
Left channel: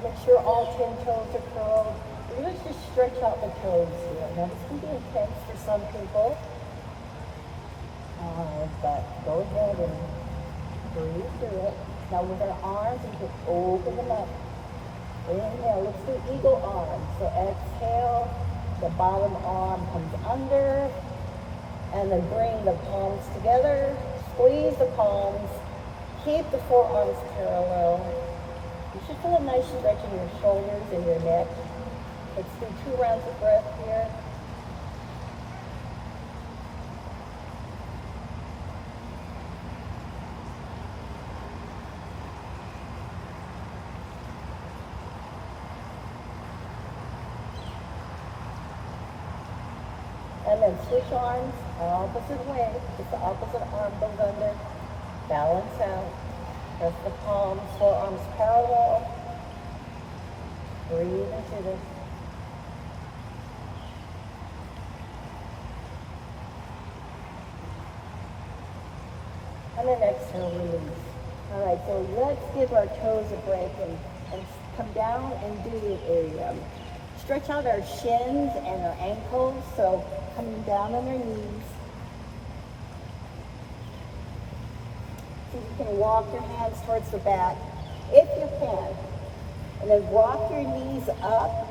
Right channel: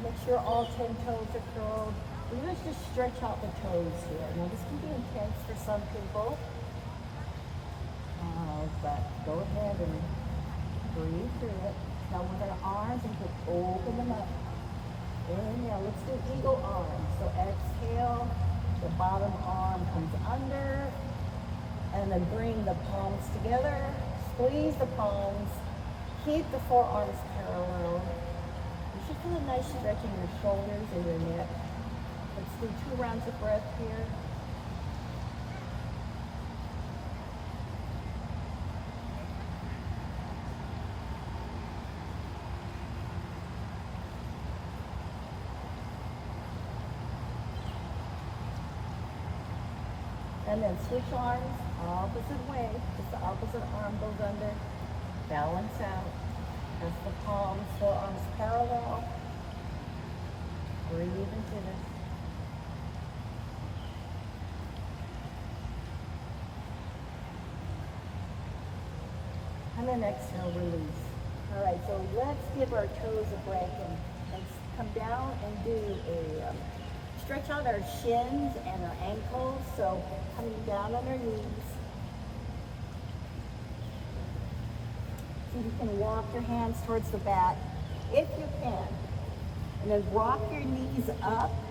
Make sure all 10 toes are curled. Let's just stretch out the toes here. Now this can be intense for some people. But go ahead and breathe through it. Now with our arms, we can open them up. Inhale, let's do eagle arm. So exhale, the bottom arm comes under, and then bring the palms together. Squeeze the palms. Keep the forearms parallel. You should feel a nice stretch in your shoulders and your neck. Let's do 2 rounds of breath here. And then switch arms, opposite way. Just the opposite arm goes under. Balance out. Press the palms, forearms parallel. Breathe into this. And then exhale, release. All right, so let's give our toes a breath and come down and do a stretch out our shins and our ankles. So coming down on our knees. So you can walk your hands towards the back if you can. And then rock your knees up.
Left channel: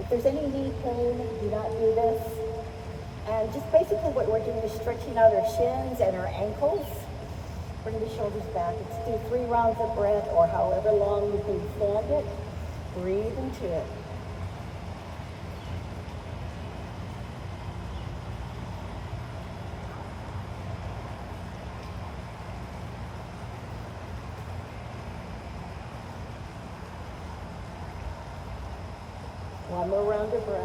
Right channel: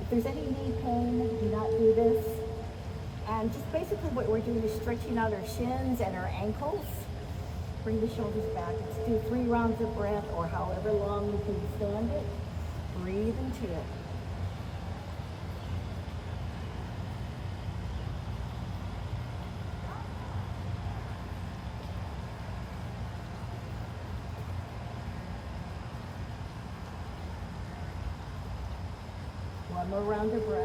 If there's any knee pain, do not do this. And just basically what we're doing is stretching out our shins and our ankles. Bring the shoulders back. Let's do 3 rounds of breath or however long you can stand it. Breathe into it. One more round of breath.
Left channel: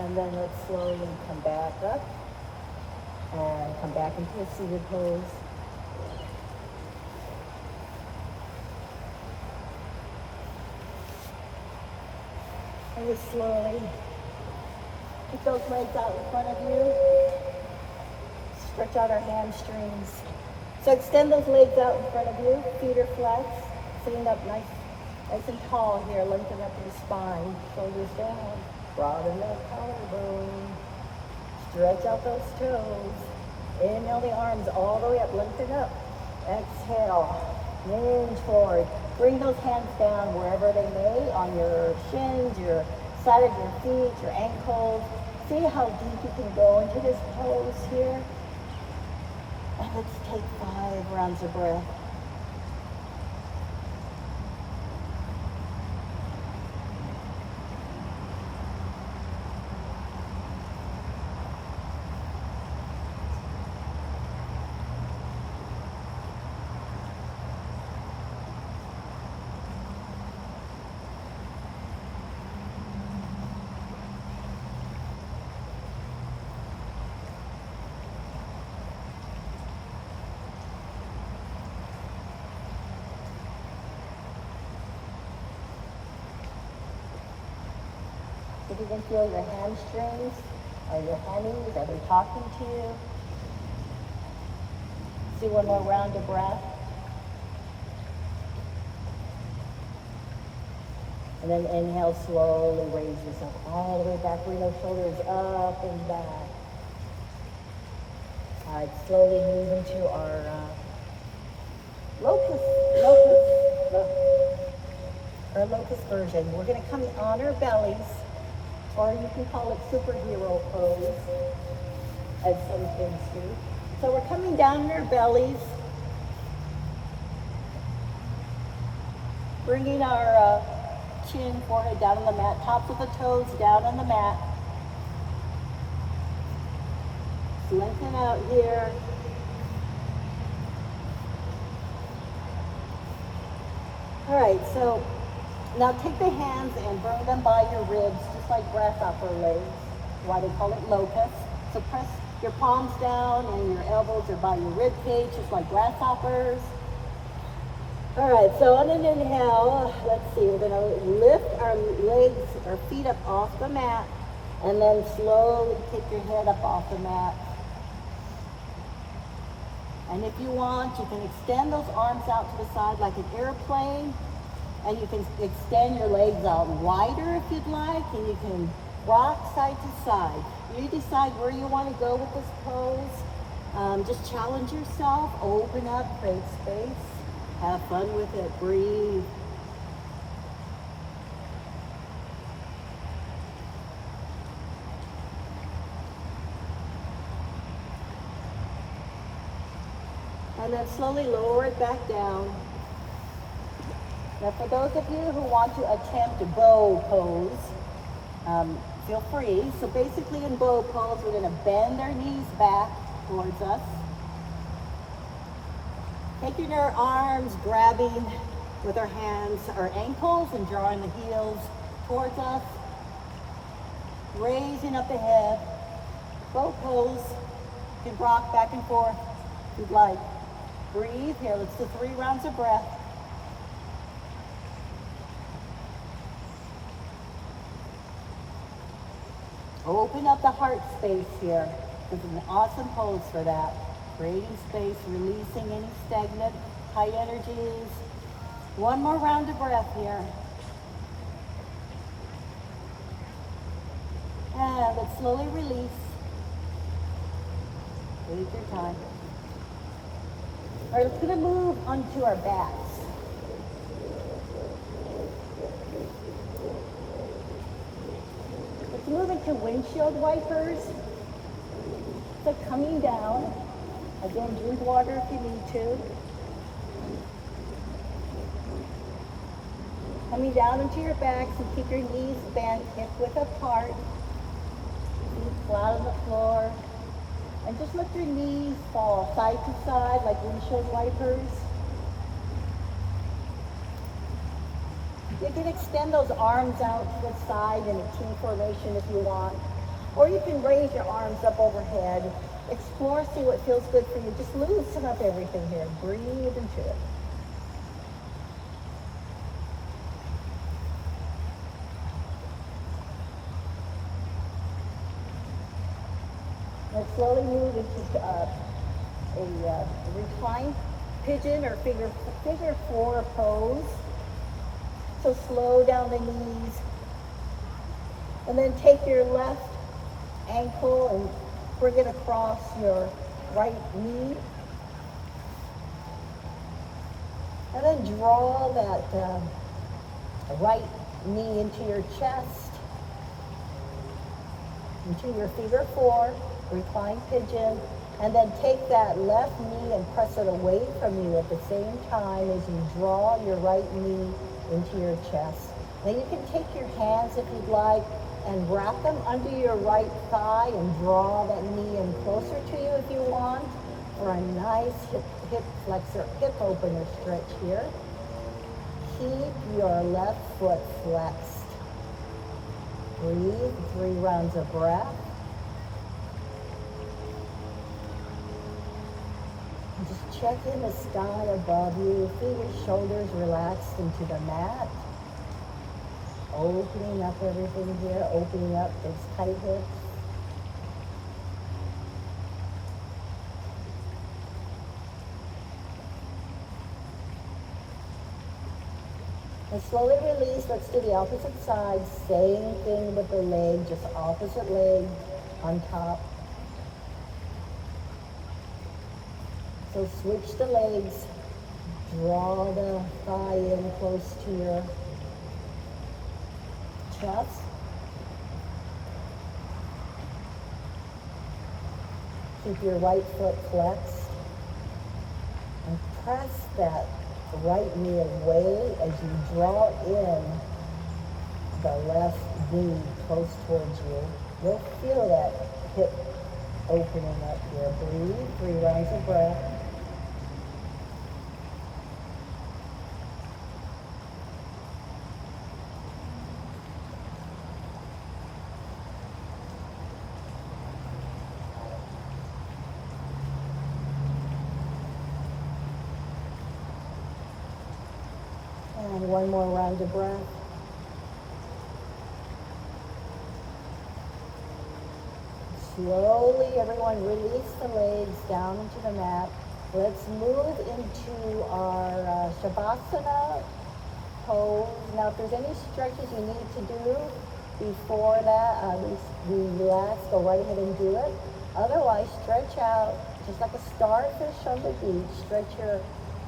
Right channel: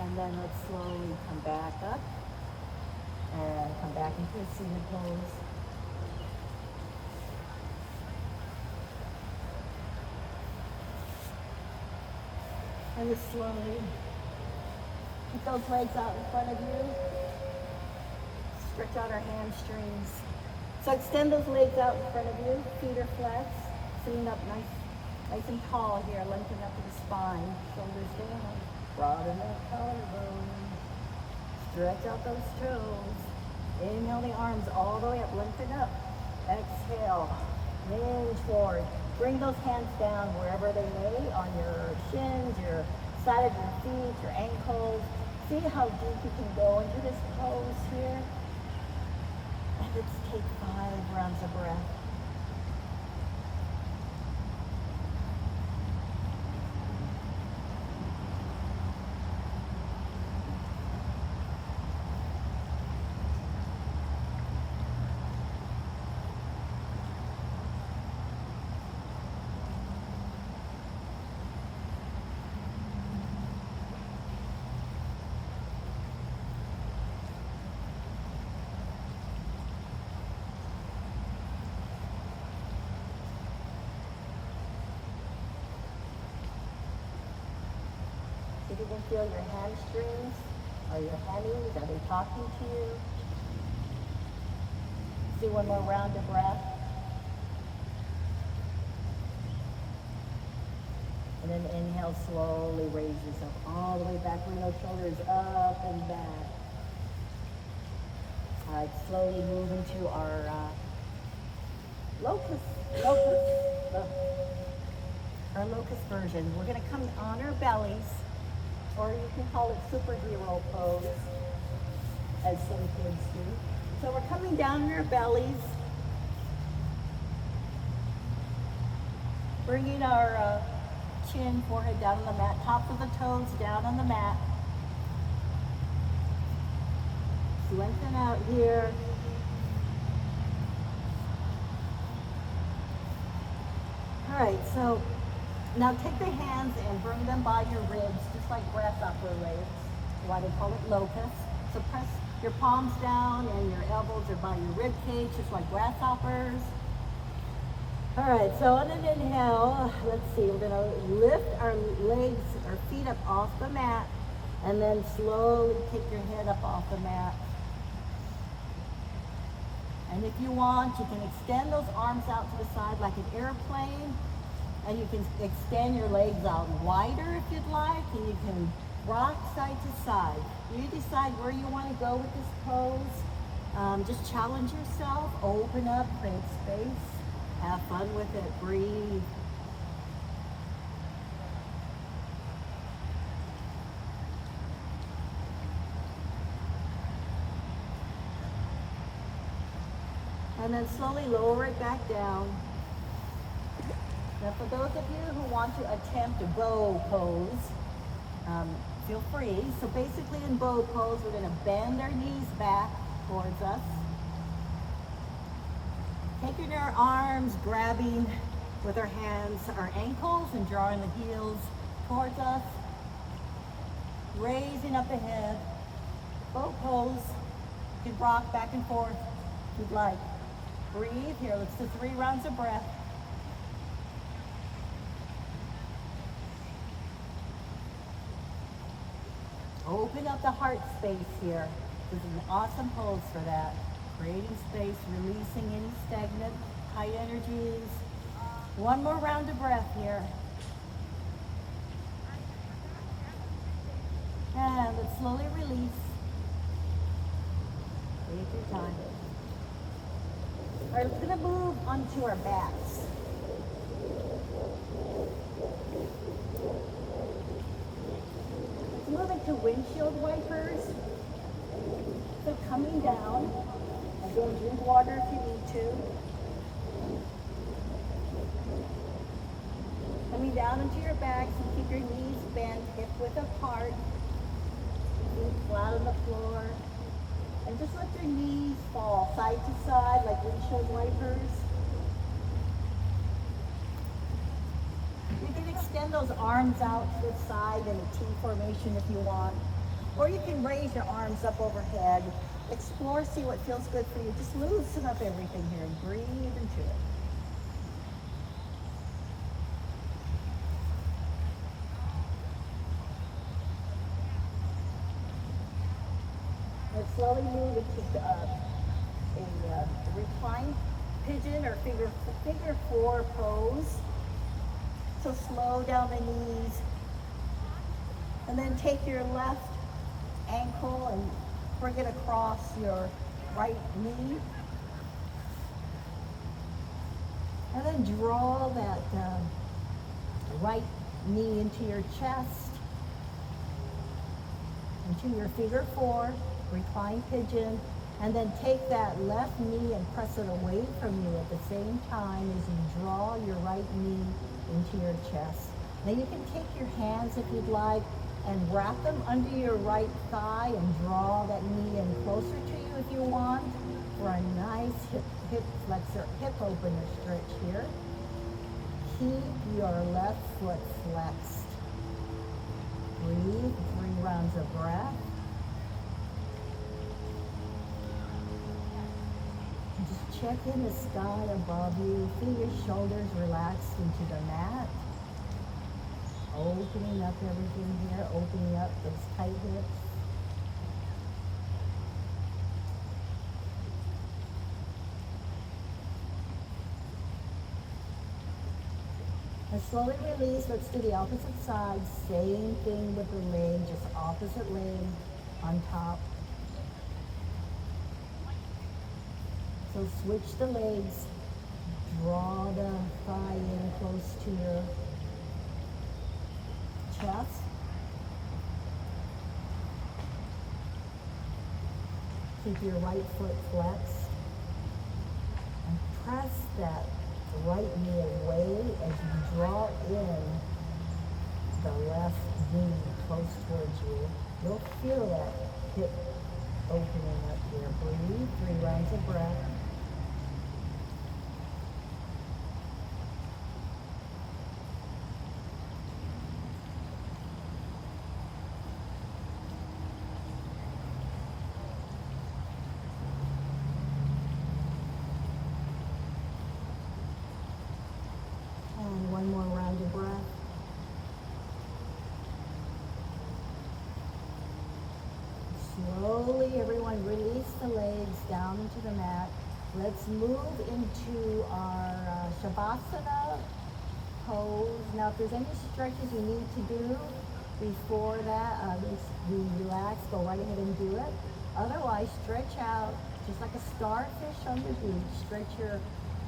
And then let's slowly come back up and come back into a seated pose. And just slowly keep those legs out in front of you. Stretch out our hamstrings. So extend those legs out in front of you. Feet are flat. Sitting up nice and tall here. Lengthen up your spine. Shoulders down. Broaden that collarbone. Stretch out those toes. Inhale the arms all the way up. Lengthen up. Exhale. Lean forward. Bring those hands down wherever they may, on your shins, your side of your feet, your ankles. See how deep you can go into this pose here. And let's take 5 rounds of breath. you can feel your hamstrings. Are your hammies, are they talking to you? Do one more round of breath. And then inhale, slowly raise yourself all the way back, bring those shoulders up and back. All right, slowly move into our locust version. We're gonna come on our bellies, or you can call it superhero pose, as some kids do. So we're coming down on our bellies, bringing our chin, forehead down on the mat, tops of the toes down on the mat. Lengthen out here. All right, so now take the hands and bring them by your ribs, just like grasshopper legs, why they call it locust. So press your palms down and your elbows are by your rib cage, just like grasshoppers. All right, so on an inhale, let's see, we're gonna lift our legs, our feet up off the mat, and then slowly take your head up off the mat. And if you want, you can extend those arms out to the side like an airplane, and you can extend your legs out wider if you'd like, and you can rock side to side. You decide where you want to go with this pose. Just challenge yourself, open up, create space. Have fun with it, breathe. And then slowly lower it back down. Now for those of you who want to attempt a bow pose, feel free. So basically in bow pose, we're gonna bend our knees back towards us. Taking our arms, grabbing with our hands our ankles and drawing the heels towards us. Raising up the head. Bow pose. You can rock back and forth if you'd like. Breathe here. Let's do 3 rounds of breath. Open up the heart space here. This is an awesome pose for that. Creating space, releasing any stagnant, high energies. 1 more round of breath here. And let's slowly release. Take your time. All right, let's gonna move onto our backs. Let's move into windshield wipers. So coming down. Again, drink water if you need to. Coming down into your backs and keep your knees bent, hip width apart. Feet flat on the floor. And just let your knees fall side to side like windshield wipers. You can extend those arms out to the side in a T formation if you want. Or you can raise your arms up overhead. Explore, see what feels good for you. Just loosen up everything here and breathe into it. Let's slowly move into a reclined pigeon or figure 4 pose. So slow down the knees. And then take your left ankle and bring it across your right knee. And then draw that right knee into your chest, into your figure 4, reclined pigeon. And then take that left knee and press it away from you at the same time as you draw your right knee into your chest. Then you can take your hands, if you'd like, and wrap them under your right thigh and draw that knee in closer to you if you want for a nice hip flexor, hip opener stretch here. Keep your left foot flexed. Breathe, 3 rounds of breath. And just check in the sky above you. Feel your shoulders relaxed into the mat. opening up everything here, opening up those tight hips. And slowly release. Let's do the opposite side. Same thing with the leg, just opposite leg on top. So switch the legs. Draw the thigh in close to your chest. Keep your right foot flexed. And press that right knee away as you draw in the left knee close towards you. You'll feel that hip opening up here. Breathe, 3 rounds of breath. And one more round of breath. Slowly, everyone release the legs down into the mat. Let's move into our Shavasana pose. Now, if there's any stretches you need to do before that, relax, go right ahead and do it. Otherwise, stretch out just like a starfish on the beach. Stretch your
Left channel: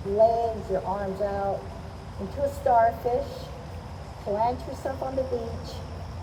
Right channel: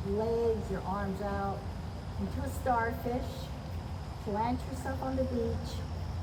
legs, your arms out into a starfish. Plant yourself on the beach.